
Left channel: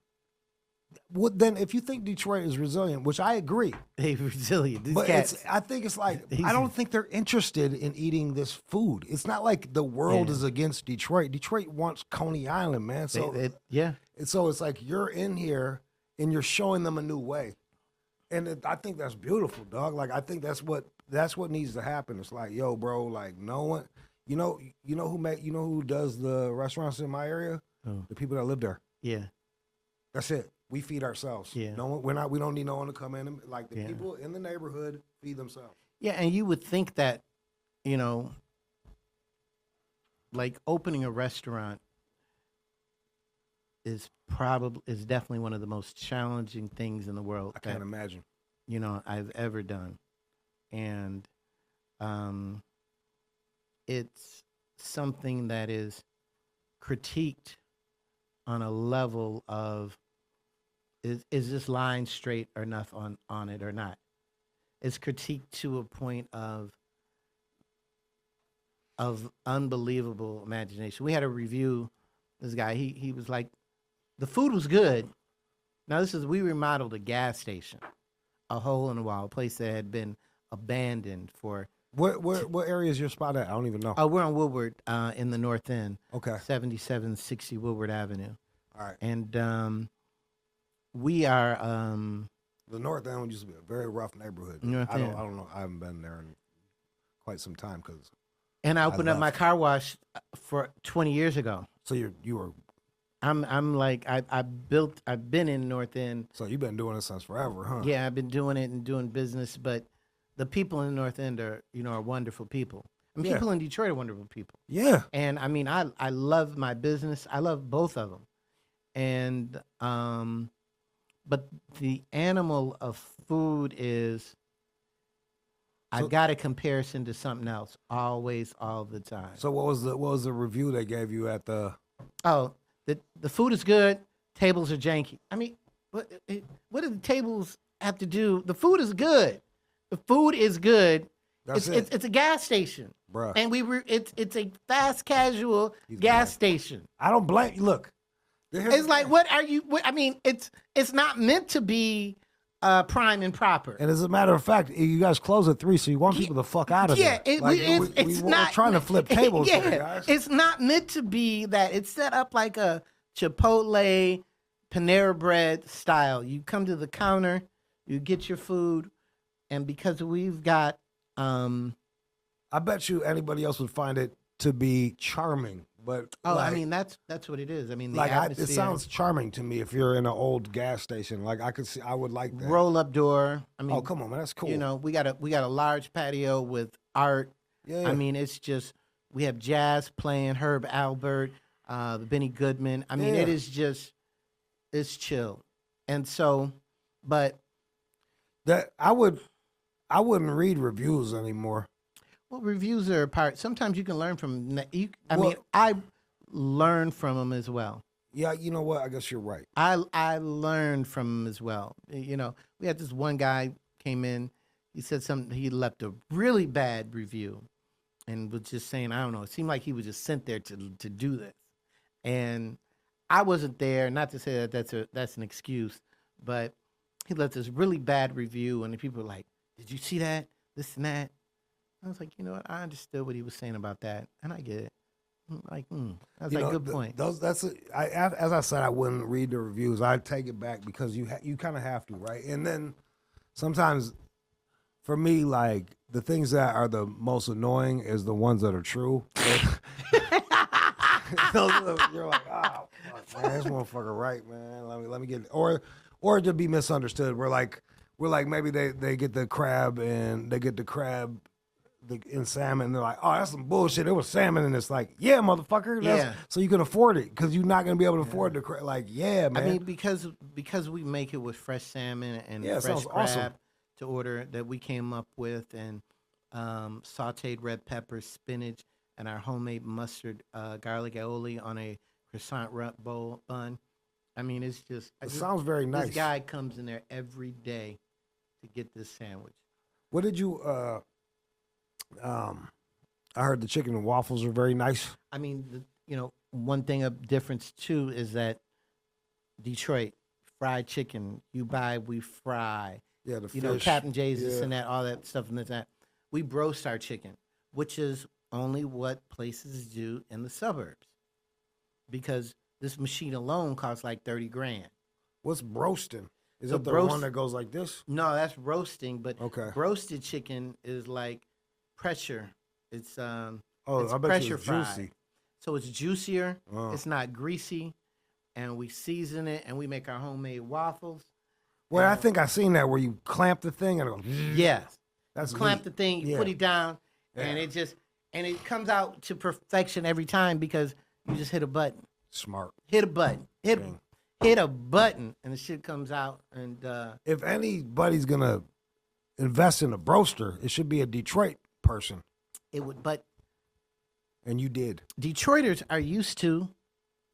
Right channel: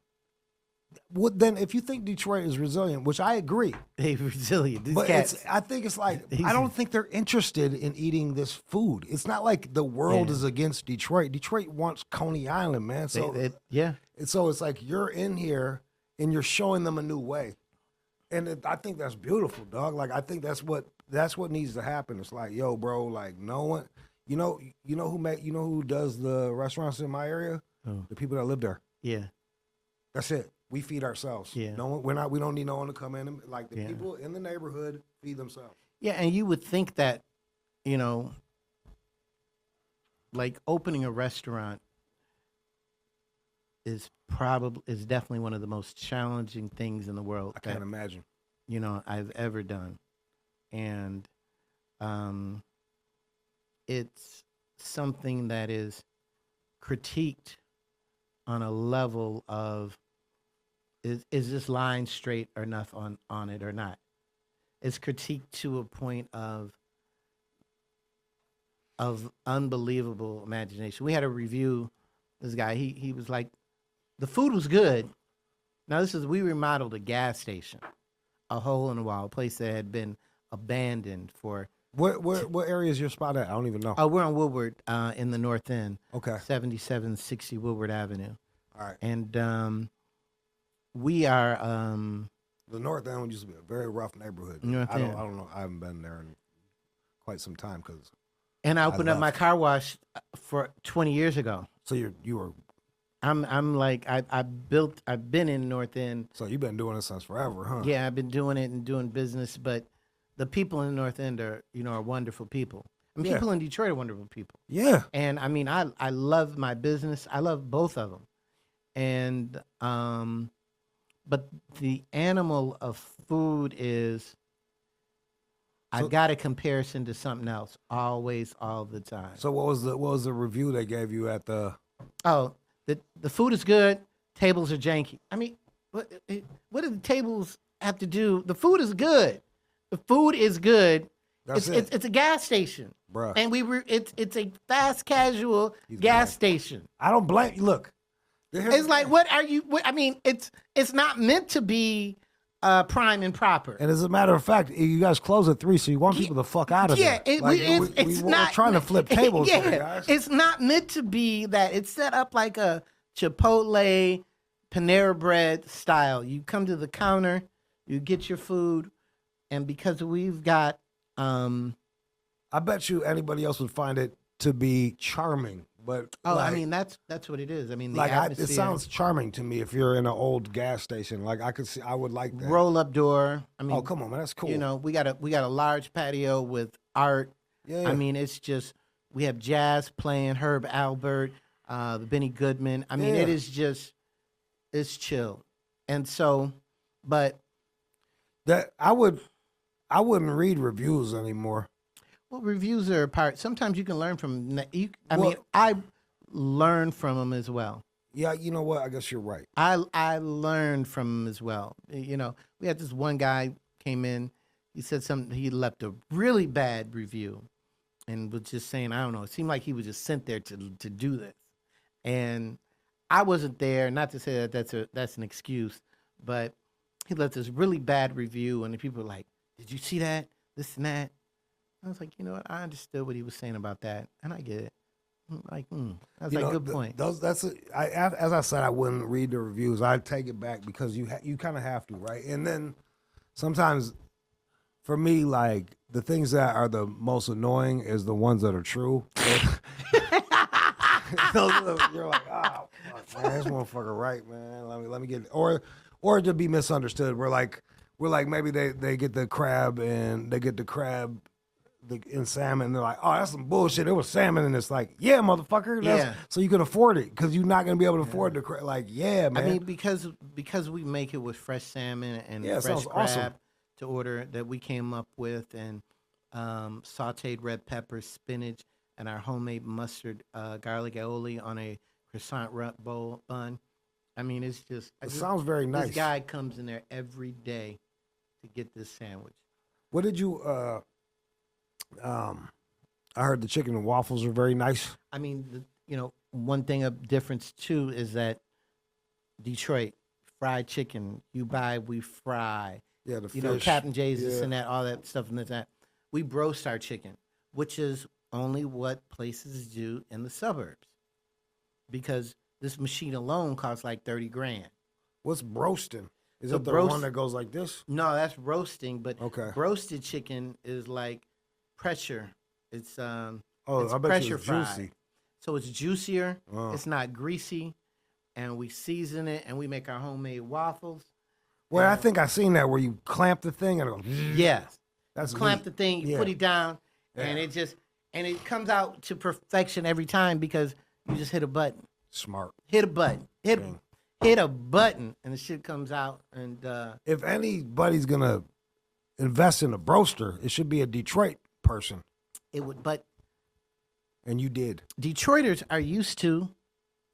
Well, then, if you think Detroit is resilient, which I agree, They're resilient. These but cats, I think it's like I don't think they're interested in eating this food. It's not like the world is against Detroit. Detroit wants Coney Island, man. So so it's like you're in here and you're showing them a new way, and I think that's beautiful, dog. Like I think that's what needs to happen. It's like, yo, bro, like no one, who does the restaurants in my area? Oh. The people that live there. Yeah. That's it. We feed ourselves. Yeah. No one, we don't need no one to come in and like the people in the neighborhood feed themselves. Yeah, and you would think that, like opening a restaurant is definitely one of the most challenging things in the world. I can't imagine. I've ever done. And it's something that is critiqued on a level of is this line straight or enough on it or not? It's critiqued to a point of unbelievable imagination. We had a review. This guy, he was like, the food was good. Now we remodeled a gas station, a hole in the wall, a place that had been abandoned for. What area is your spot at? I don't even know. Oh, we're on Woodward in the North End. Okay. 7760 Woodward Avenue. All right. And we are. The North End used to be a very rough neighborhood. I don't know. I haven't been there in quite some time because. And I opened up my car wash for 20 years ago. So you were. I'm like I've been in North End. So you've been doing this since forever, huh? Yeah, I've been doing it and doing business, but the people in the North End are wonderful people. And people in Detroit are wonderful people. Yeah. And I mean, I love my business. I love both of them. And but the animal of food is I got a comparison to something else always, all the time. So what was the review they gave you at the? Oh, the food is good. Tables are janky. I mean, what do the tables have to do? The food is good. The food is good. It's a gas station, bruh. And it's a fast casual gas station. I don't blame you. Look, it's like what are you? I mean, it's not meant to be prime and proper. And as a matter of fact, you guys close at 3, so you want people to fuck out of there. Yeah, it's not we're trying to flip tables here, guys. It's not meant to be that. It's set up like a Chipotle, Panera Bread style. You come to the counter, you get your food, and because we've got, I bet you anybody else would find it to be charming. But I mean that's what it is. I mean, the atmosphere. It sounds charming to me if you're in an old gas station. Like I would like that. Roll up door. I mean, oh come on, man, that's cool. We got a large patio with art. Yeah. I mean, it's just we have jazz playing, Herb Albert, Benny Goodman. I mean, it is just it's chill, and so, but that I wouldn't read reviews anymore. Well, reviews are a part. Sometimes you can learn from. I learn from them as well. Yeah, you know what? I guess you're right. I learned from them as well. We had this one guy came in. He said something. He left a really bad review, and was just saying, I don't know. It seemed like he was just sent there to do this, and I wasn't there. Not to say that that's an excuse, but he left this really bad review, and the people were like, "Did you see that? This and that." I was like, you know what? I understood what he was saying about that, and I get it. Like, that's a good point. As I said, I wouldn't read the reviews. I'd take it back because you kind of have to, right? And then sometimes, for me, like the things that are the most annoying is the ones that are true. You're like, oh, fuck, man, this motherfucker right, man. Let me get it. Or to be misunderstood. We're like maybe they get the crab and they get the crab in salmon, and they're like, oh, that's some bullshit. It was salmon, and it's like, yeah, motherfucker. So you can afford it because you're not gonna be able to afford the crab. Like, yeah, man. I mean, because we make it with fresh salmon and fresh crab awesome. to order that we came up with, and sautéed red peppers, spinach, and our homemade mustard, garlic aioli on a croissant bun. I mean, it's just. It sounds very nice. This guy comes in there every day to get this sandwich. What did you? I heard the chicken and waffles are very nice. I mean, one thing of difference too is that Detroit fried chicken. You buy, we fry. Yeah, the fish. Captain J's, this and that, all that stuff and that. We roast our chicken, which is only what places do in the suburbs, because this machine alone costs like $30,000. What's roasting? Is it the one that goes like this? No, that's roasting. But okay, roasted chicken is like pressure. It's I it's bet pressure you it's fried. juicy. So it's juicier. It's not greasy, and we season it, and we make our homemade waffles. Well, I think I seen that where you clamp the thing and it goes. Yes, that's clamp neat. The thing, you put it down, and it comes out to perfection every time because you just hit a button. Smart. Hit a button. Hit a button, and the shit comes out. And if anybody's gonna invest in a broaster, it should be a Detroit person. It would, but. And you did. Detroiters are used to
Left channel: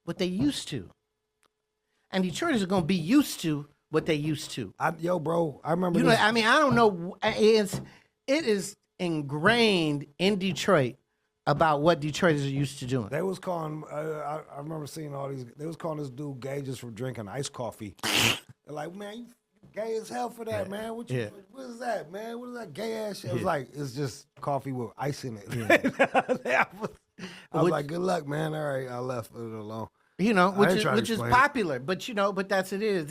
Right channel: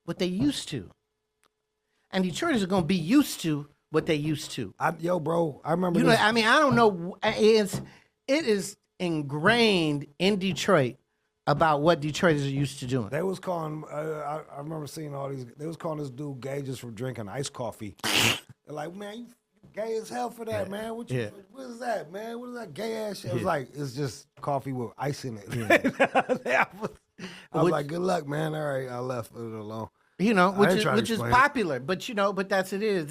what they used to, and Detroiters are gonna be used to what they used to. Bro, I remember. I mean, I don't know. It is ingrained in Detroit about what Detroiters are used to doing. They was calling. I remember seeing all these. They was calling this dude gay just for drinking iced coffee. They're like, man, you gay as hell for that, man. What is that, man? What is that gay ass shit? It was like, it's just coffee with ice in it. I was like, good luck, man. All right, I left it alone. Which is popular, but that's it is.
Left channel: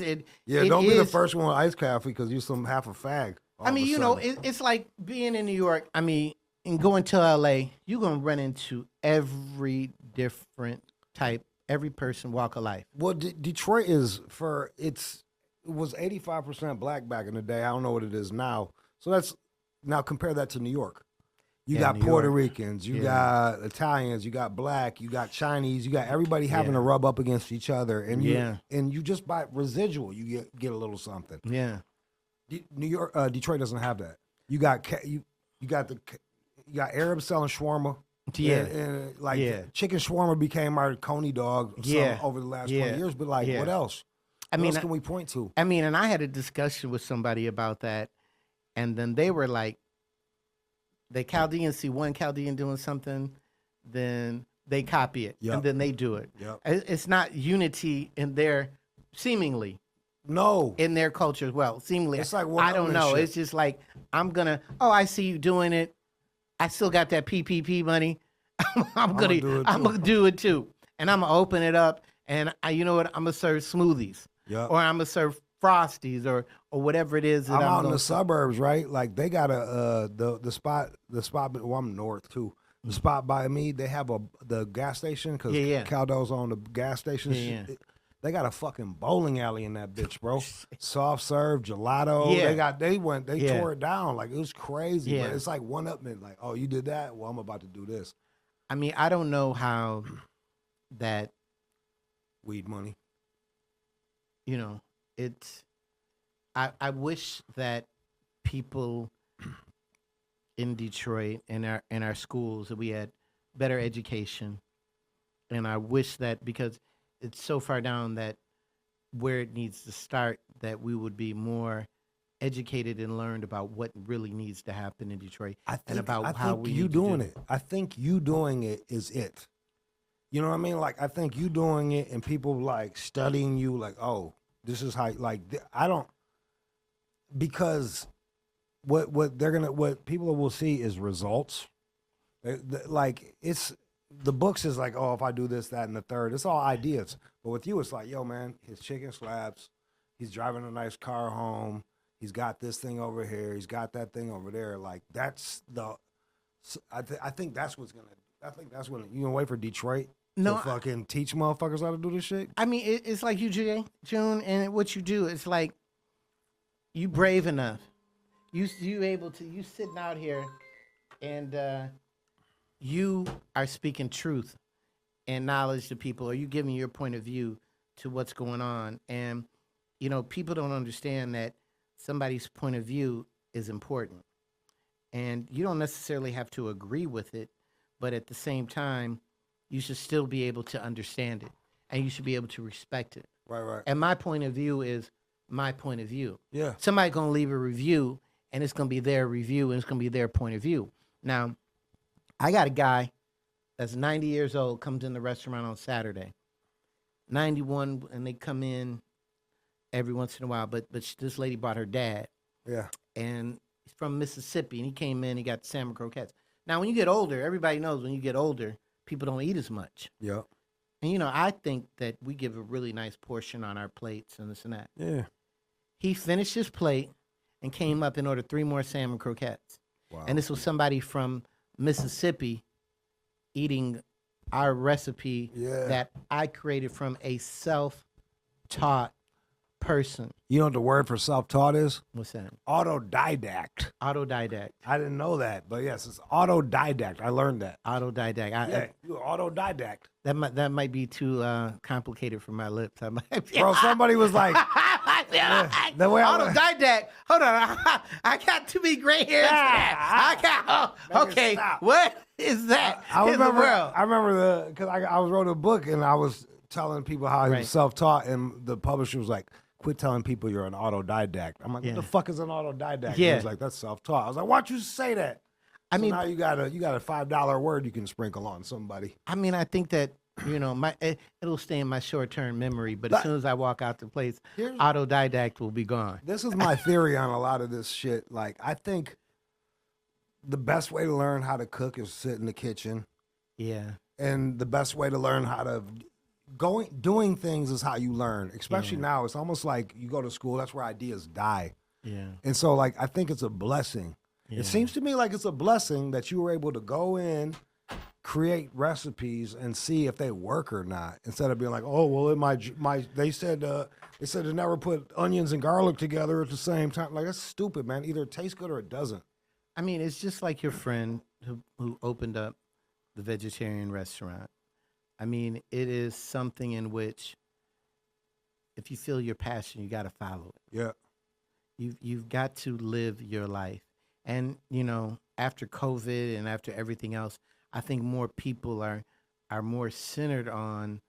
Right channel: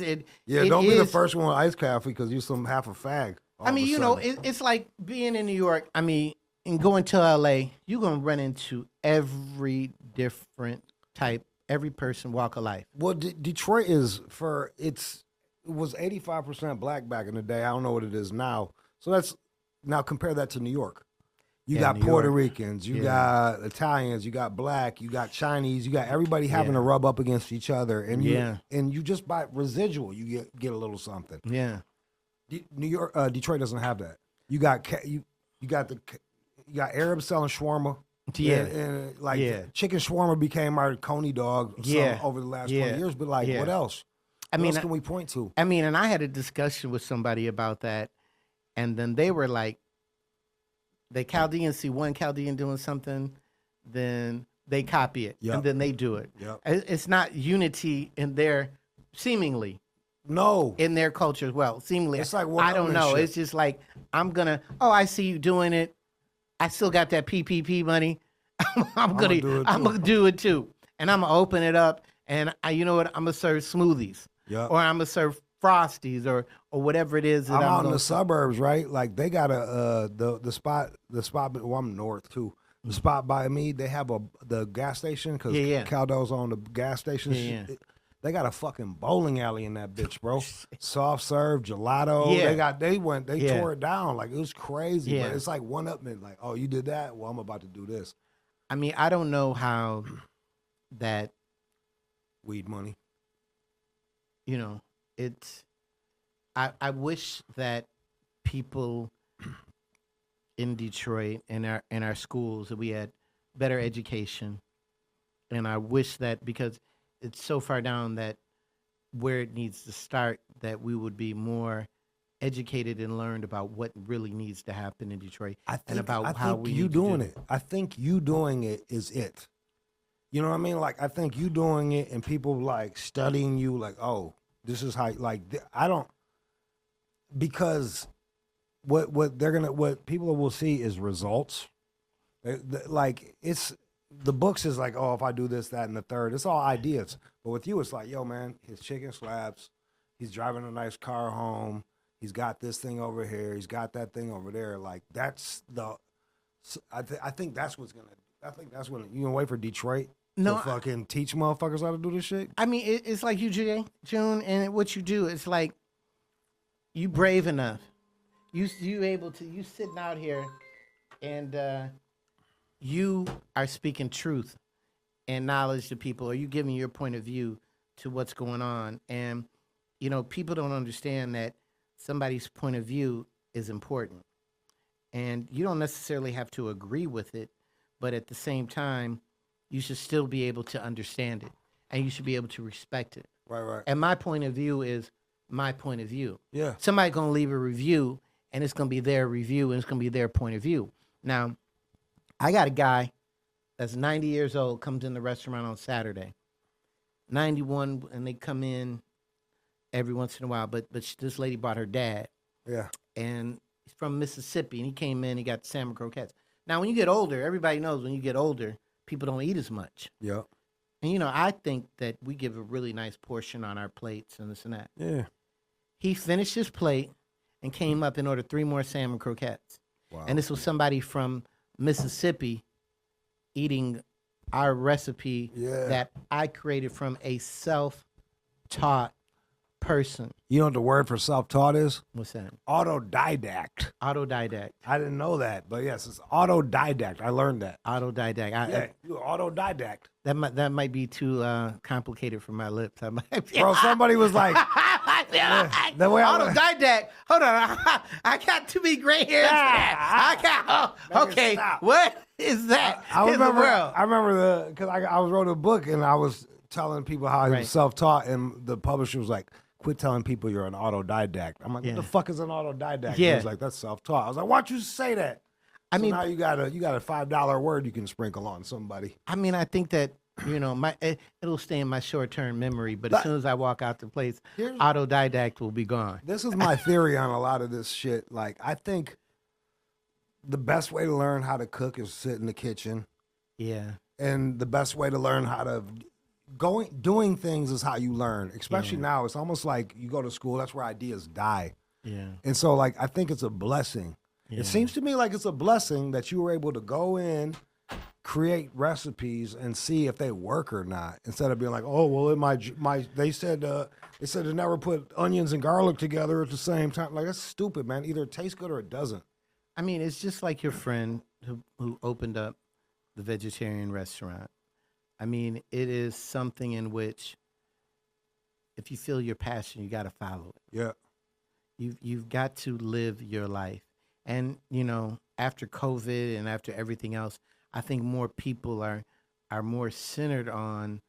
Don't be the first one with iced coffee because you're half a fag. I mean, it's like being in New York. I mean, and going to LA, you're gonna run into every different type, every person, walk of life. Well, Detroit is it was 85% black back in the day. I don't know what it is now. So now compare that to New York. You got Puerto Ricans, you got Italians, you got black, you got Chinese, you got everybody having to rub up against each other, and you just by residual you get a little something. Yeah, Detroit doesn't have that. You got Arabs selling shawarma. And chicken shawarma became our Coney dog over the last 20 years. But what else? What else can we point to? I mean, and I had a discussion with somebody about that, and then they were like, the Chaldeans see one Chaldean doing something, then they copy it, and then they do it. Yep. It's not unity in their, seemingly. No. In their culture as well, seemingly. It's like, I don't know. Shit. It's just like, I see you doing it. I still got that PPP money. I'm gonna do it too. And I'm gonna open it up, and you know what? I'm gonna serve smoothies. Yeah. Or I'm gonna serve Frosties or whatever it is. I'm out in the suburbs, right? Like they got the spot. Well, I'm north too. The spot by me, they have the gas station because Caldo's on the gas station. Yeah. They got a fucking bowling alley in that bitch, bro. Soft serve, gelato. Yeah. They tore it down. Like it was crazy. Yeah. But it's like one up and like, oh, you did that? Well, I'm about to do this. I mean, I don't know how that weed money. It's. I wish that people in Detroit in our schools that we had better education, and I wish that because it's so far down that where it needs to start that we would be more educated and learned about what really needs to happen in Detroit I think you doing it. I think you doing it is it. You know what I mean? Like I think you doing it and people like studying you like, oh, this is how I don't. Because what people will see is results. Like it's the books is like, oh, if I do this, that, and the third, it's all ideas. But with you, it's like, yo, man, his chicken slaps. He's driving a nice car home. He's got this thing over here. He's got that thing over there. Like that's the. I think that's what's gonna. I think that's when you gonna wait for Detroit to fucking teach motherfuckers how to do this shit. I mean, it's like you, June, and what you do. It's like you brave enough. You sitting out here, and you are speaking truth and knowledge to people, or you giving your point of view to what's going on. And you know, people don't understand that somebody's point of view is important, and you don't necessarily have to agree with it, but at the same time, you should still be able to understand it, and you should be able to respect it. Right. And my point of view is my point of view. Yeah. Somebody's going to leave a review, and it's going to be their review, and it's going to be their point of view. Now, I got a guy that's 90 years old, comes in the restaurant on Saturday. 91, and they come in every once in a while, but this lady brought her dad. Yeah. And he's from Mississippi, and he came in, he got salmon croquettes. Now, when you get older, everybody knows when you get older, people don't eat as much. Yeah. And, you know, I think that we give a really nice portion on our plates and this and that. Yeah. He finished his plate and came up and ordered 3 more salmon croquettes. Wow. And this was somebody from Mississippi eating our recipe that I created from a self-taught person. You know what the word for self-taught is? What's that? Autodidact. Autodidact. I didn't know that, but yes, it's autodidact. I learned that. Autodidact. You're autodidact. That might be too complicated for my lips. I might be. Bro, somebody was like, the way autodidact. Hold on, I got too many gray hairs. I got. Okay, stop. what is that? I remember because I was wrote a book and I was telling people how he was self-taught, and the publisher was like, quit telling people you're an autodidact. I'm like, what the fuck is an autodidact? Yeah. He was like, that's self-taught. I was like, why don't you say that? I mean, now you got a $5 word you can sprinkle on somebody. I mean, I think that, you know, it'll stay in my short-term memory, but as soon as I walk out the place, autodidact will be gone. This is my theory on a lot of this shit. Like, I think the best way to learn how to cook is sit in the kitchen. Yeah. And the best way to learn how to doing things is how you learn. Especially now, it's almost like you go to school. That's where ideas die. Yeah. And so, like, I think it's a blessing. Yeah. It seems to me like it's a blessing that you were able to go in, create recipes, and see if they work or not. Instead of being like, oh, well, in they said to never put onions and garlic together at the same time. Like, that's stupid, man. Either it tastes good or it doesn't. I mean, it's just like your friend who opened up the vegetarian restaurant. I mean, it is something in which, if you feel your passion, you got to follow it. Yeah. You've got to live your life. And, you know, after COVID and after everything else, I think more people are more centered on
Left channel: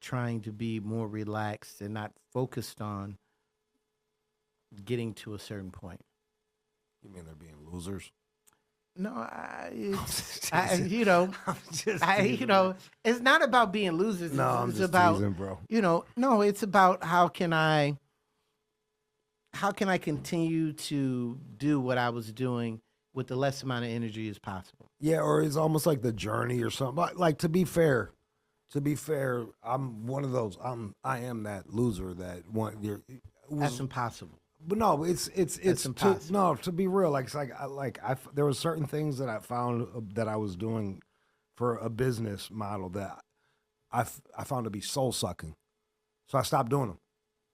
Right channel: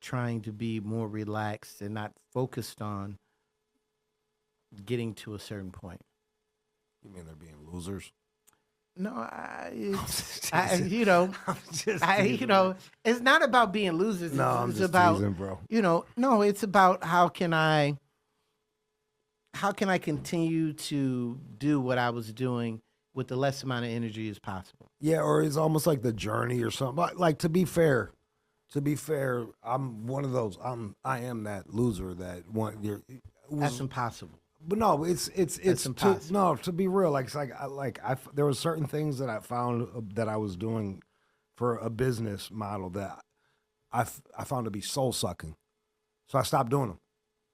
trying to be more relaxed and not focused on getting to a certain point. You mean they're being losers? No, it's not about being losers. No, I'm it's just about, teasing, bro. You know, no, it's about how can I continue to do what I was doing with the less amount of energy as possible. Yeah, or it's almost like the journey or something. Like to be fair, I'm one of those. I am that loser that That's impossible. But no, it's impossible. To be real, there were certain things that I found that I was doing for a business model that I found to be soul sucking, so I stopped doing them,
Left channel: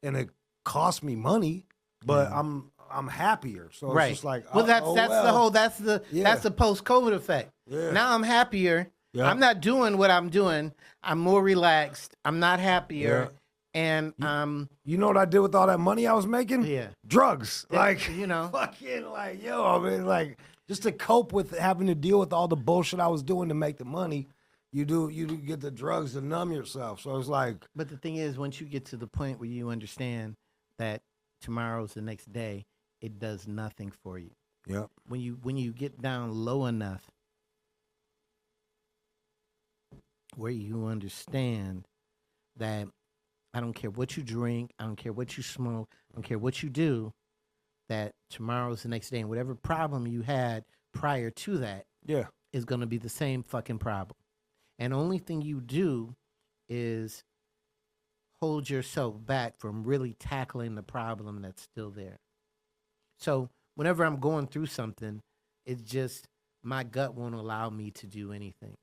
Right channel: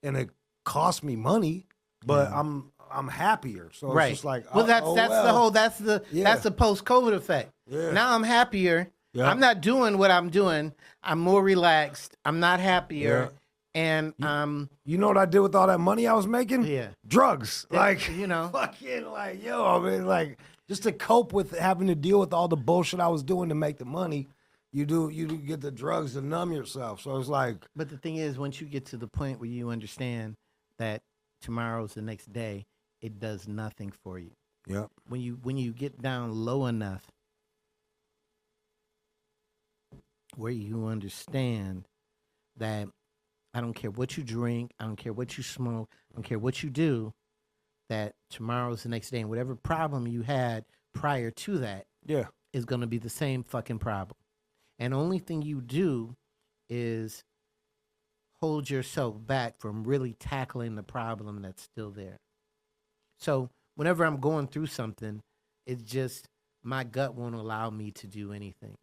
and it cost me money, but I'm happier. So it's just like, that's the post-COVID effect. Yeah. Now I'm happier. Yeah. I'm not doing what I'm doing. I'm more relaxed. I'm not happier. Yeah. And you know what I did with all that money I was making? Yeah, drugs. Yeah, like, you know, fucking like, I mean, like, just to cope with having to deal with all the bullshit I was doing to make the money, you get the drugs to numb yourself. So it's like. But the thing is, once you get to the point where you understand that tomorrow's the next day, it does nothing for you. Yeah. When you get down low enough where you understand that. I don't care what you drink. I don't care what you smoke. I don't care what you do, that tomorrow's the next day. And whatever problem you had prior to that is going to be the same fucking problem. And only thing you do is hold yourself back from really tackling the problem that's still there. So whenever I'm going through something, it's just my gut won't allow me to do anything.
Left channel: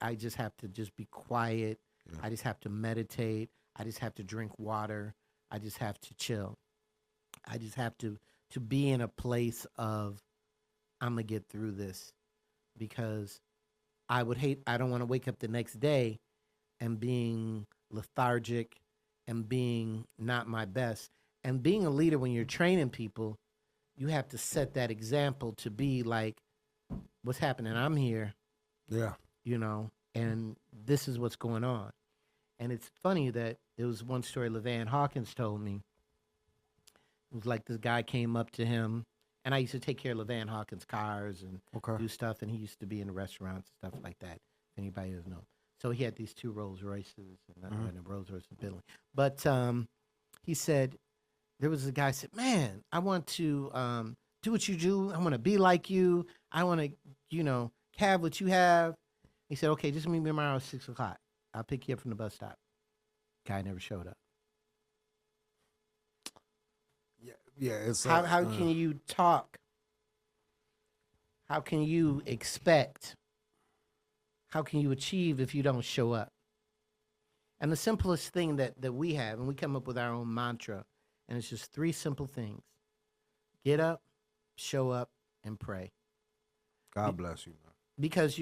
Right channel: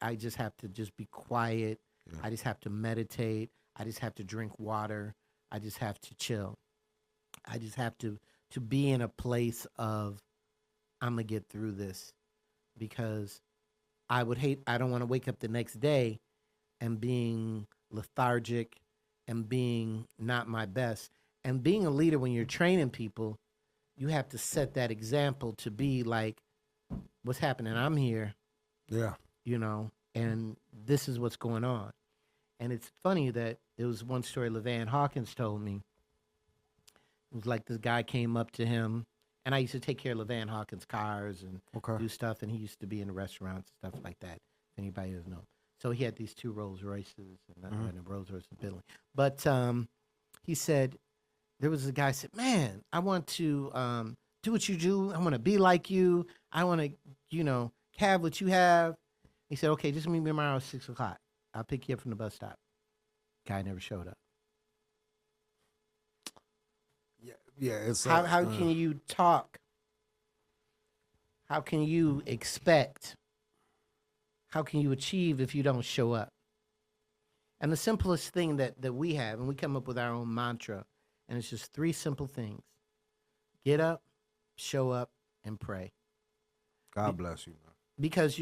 I just have to just be quiet. Yeah. I just have to meditate. I just have to drink water. I just have to chill. I just have to be in a place of, I'm going to get through this, because I don't want to wake up the next day and being lethargic and being not my best. And being a leader, when you're training people, you have to set that example to be like, what's happening? I'm here. Yeah. And this is what's going on. And it's funny that there was one story LaVan Hawkins told me. It was like this guy came up to him, and I used to take care of LaVan Hawkins' cars and do stuff, and he used to be in restaurants and stuff like that, if anybody doesn't know. So he had these 2 Rolls Royces, and a Rolls Royce Bentley. But he said, there was a guy said, man, I want to do what you do. I want to be like you. I want to, have what you have. He said, okay, just meet me tomorrow at 6 o'clock. I'll pick you up from the bus stop. Guy never showed up. Yeah. It's how can you talk? How can you expect? How can you achieve if you don't show up? And the simplest thing that we have, and we come up with our own mantra, and it's just 3 simple things: get up, show up, and pray. God bless you, man. Because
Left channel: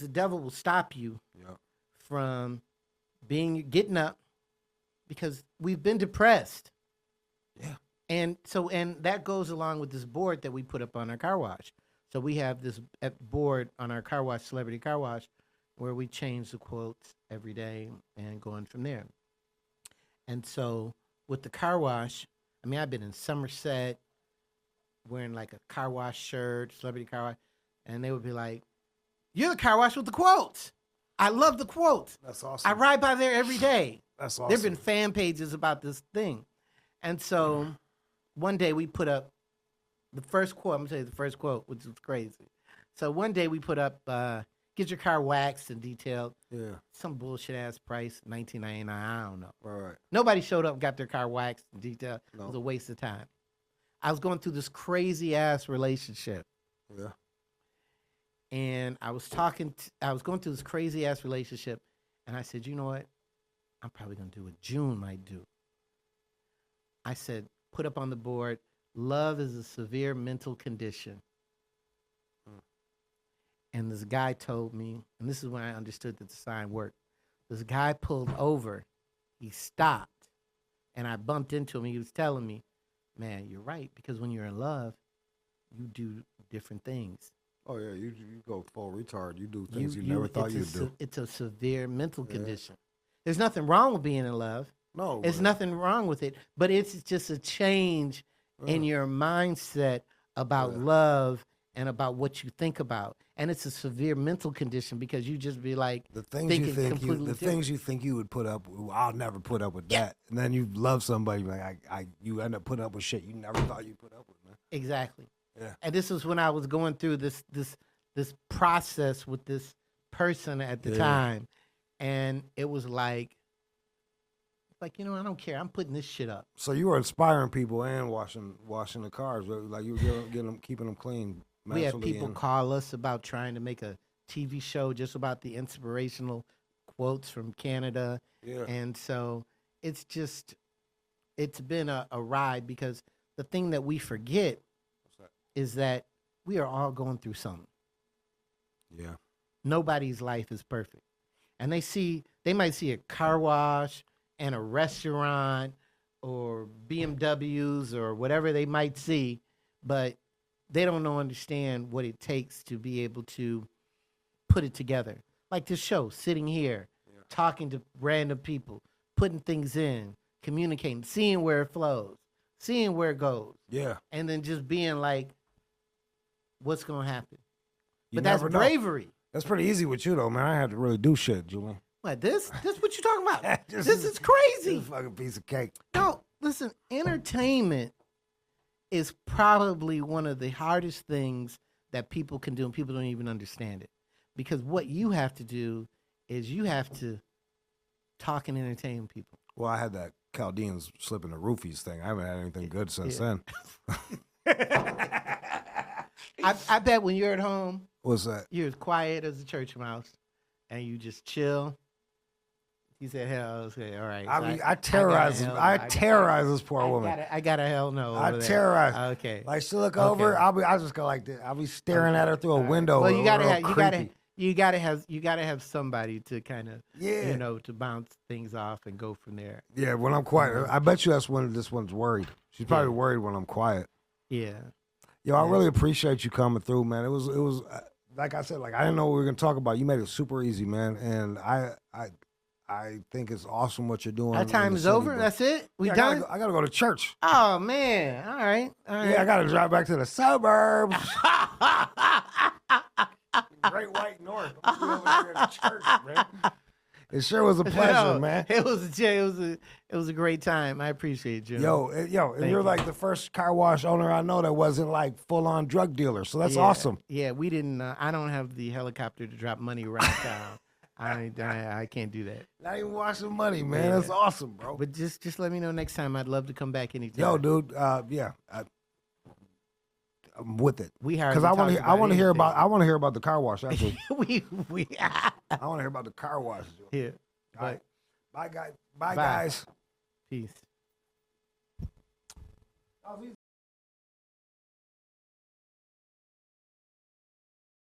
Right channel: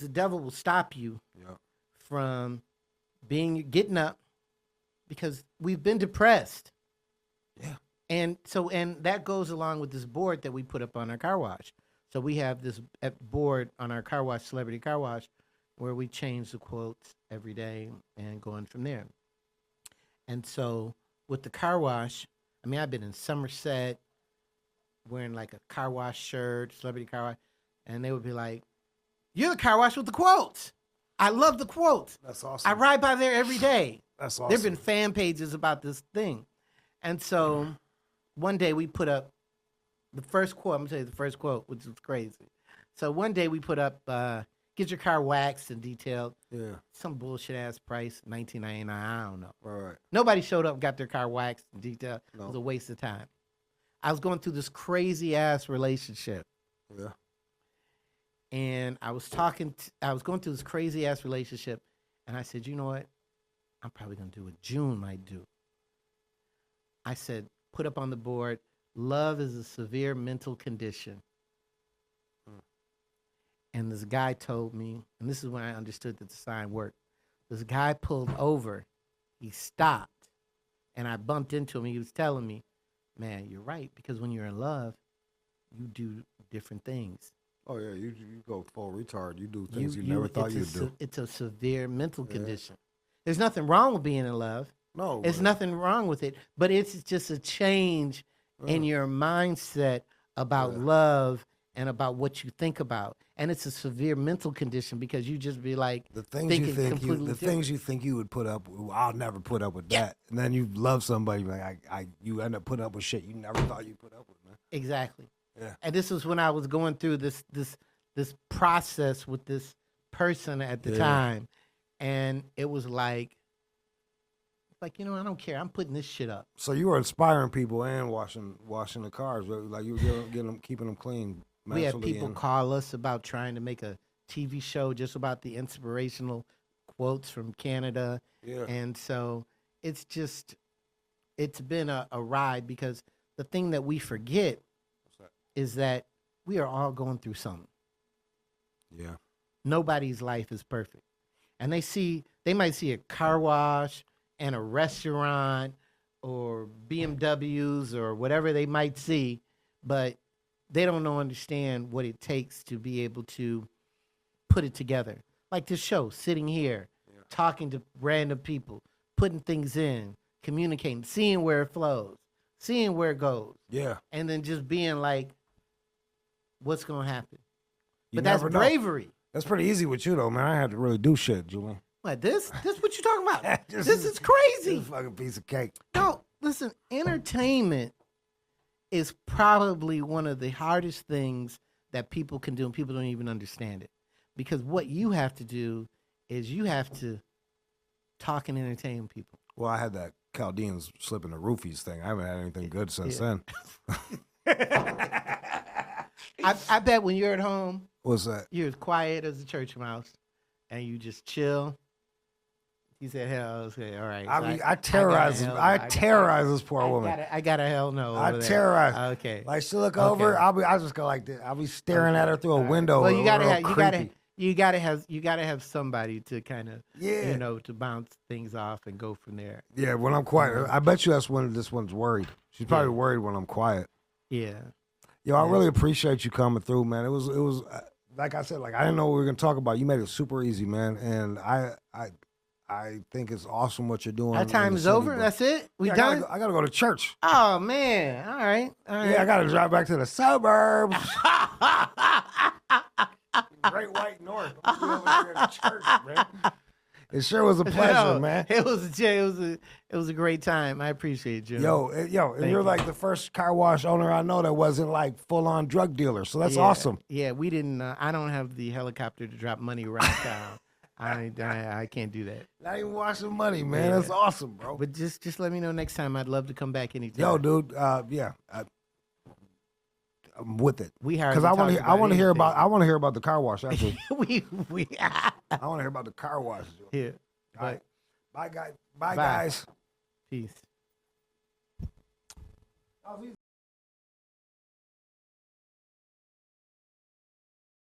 the devil will stop you from getting up, because we've been depressed. Yeah. And that goes along with this board that we put up on our car wash. So we have this board on our car wash, Celebrity Car Wash, where we change the quotes every day and going from there. And so with the car wash, I've been in Somerset wearing like a car wash shirt, Celebrity Car Wash, and they would be like, "You're the car wash with the quotes. I love the quotes. That's awesome. I ride by there every day." That's awesome. There have been fan pages about this thing. And so one day we put up the first quote. I'm going to tell you the first quote, which was crazy. So one day we put up, get your car waxed and detailed. Yeah. Some bullshit-ass price, $19.99, I don't know. Right. Nobody showed up and got their car waxed and detailed. No. It was a waste of time. I was going through this crazy-ass relationship. Yeah. And I was going through this crazy-ass relationship, and I said, you know what? I'm probably going to do what June might do. I said, put up on the board, love is a severe mental condition. And this guy told me, and this is when I understood that the sign worked. This guy pulled over, he stopped, and I bumped into him. He was telling me, man, you're right, because when you're in love, you do different things. Oh, yeah, you go full retard. You do things you never thought you'd do. It's a severe mental condition. There's nothing wrong with being in love. No. There's nothing wrong with it. But it's just a change in your mindset about love and about what you think about. And it's a severe mental condition because you just be like, the things you think you would put up with, I'll never put up with that. And then you love somebody, like you end up putting up with shit you never thought you'd put up with, man. Exactly. Yeah. And this was when I was going through this process with this person at the time. And it was like, I don't care. I'm putting this shit up. So you were inspiring people and washing the cars, right? Like you were keeping them clean. We had people call us about trying to make a TV show just about the inspirational quotes from Canada. Yeah. And so it's been a ride, because the thing that we forget is that we are all going through something. Yeah. Nobody's life is perfect. And they might see a car wash and a restaurant or BMWs or whatever they might see, but they don't understand what it takes to be able to put it together. Like this show, sitting here, talking to random people, putting things in, communicating, seeing where it flows, seeing where it goes. Yeah. And then just being like, what's going to happen? But that's bravery. That's pretty easy with you, though, man. I had to really do shit, Julian. What, this what you talking about? This is crazy. This fucking piece of cake. No, listen, entertainment is probably one of the hardest things that people can do, and people don't even understand it. because what you have to do is you have to talk and entertain people. Well, I had that Chaldeans slipping the roofies thing. I haven't had anything good since then. I bet when you're at home, What's that? you're as quiet as a church mouse, and you just chill. He said, "Hell, okay, all right." I So mean, I terrorize him. I terrorize this poor woman. I got a hell no. I over there. terrorize. Okay. Like she look over, I just go like this. I'll be staring at her through a window. Well, you gotta real have somebody to kind of to bounce things off and go from there. Yeah, when I'm quiet, I bet you that's when this one's worried. She's probably worried when I'm quiet. Yeah. Yo, I really appreciate you coming through, man. It was like I said, like I didn't know what we were gonna talk about. You made it super easy, man, and I think it's awesome what you're doing. That time is over. That's it. We done. I gotta go to church. Oh man! All right. Yeah, I gotta drive back to the suburbs. Great White North. I'm gonna be over there in the church, man. It sure was a pleasure, man. It was a great time. I appreciate you. Yo, and you're like the first car wash owner I know that wasn't like full on drug dealer. So that's awesome. Yeah, we didn't. I don't have the helicopter to drop money around town. I can't do that. Not even washing money, man. That's awesome, bro. But just let me know next time. I'd love to come back anytime. Yo, dude. I'm with it. Because I want to hear about the car wash. After. I want to hear about the car wash. Yeah. All right. Bye, guys. Bye, guys. Peace.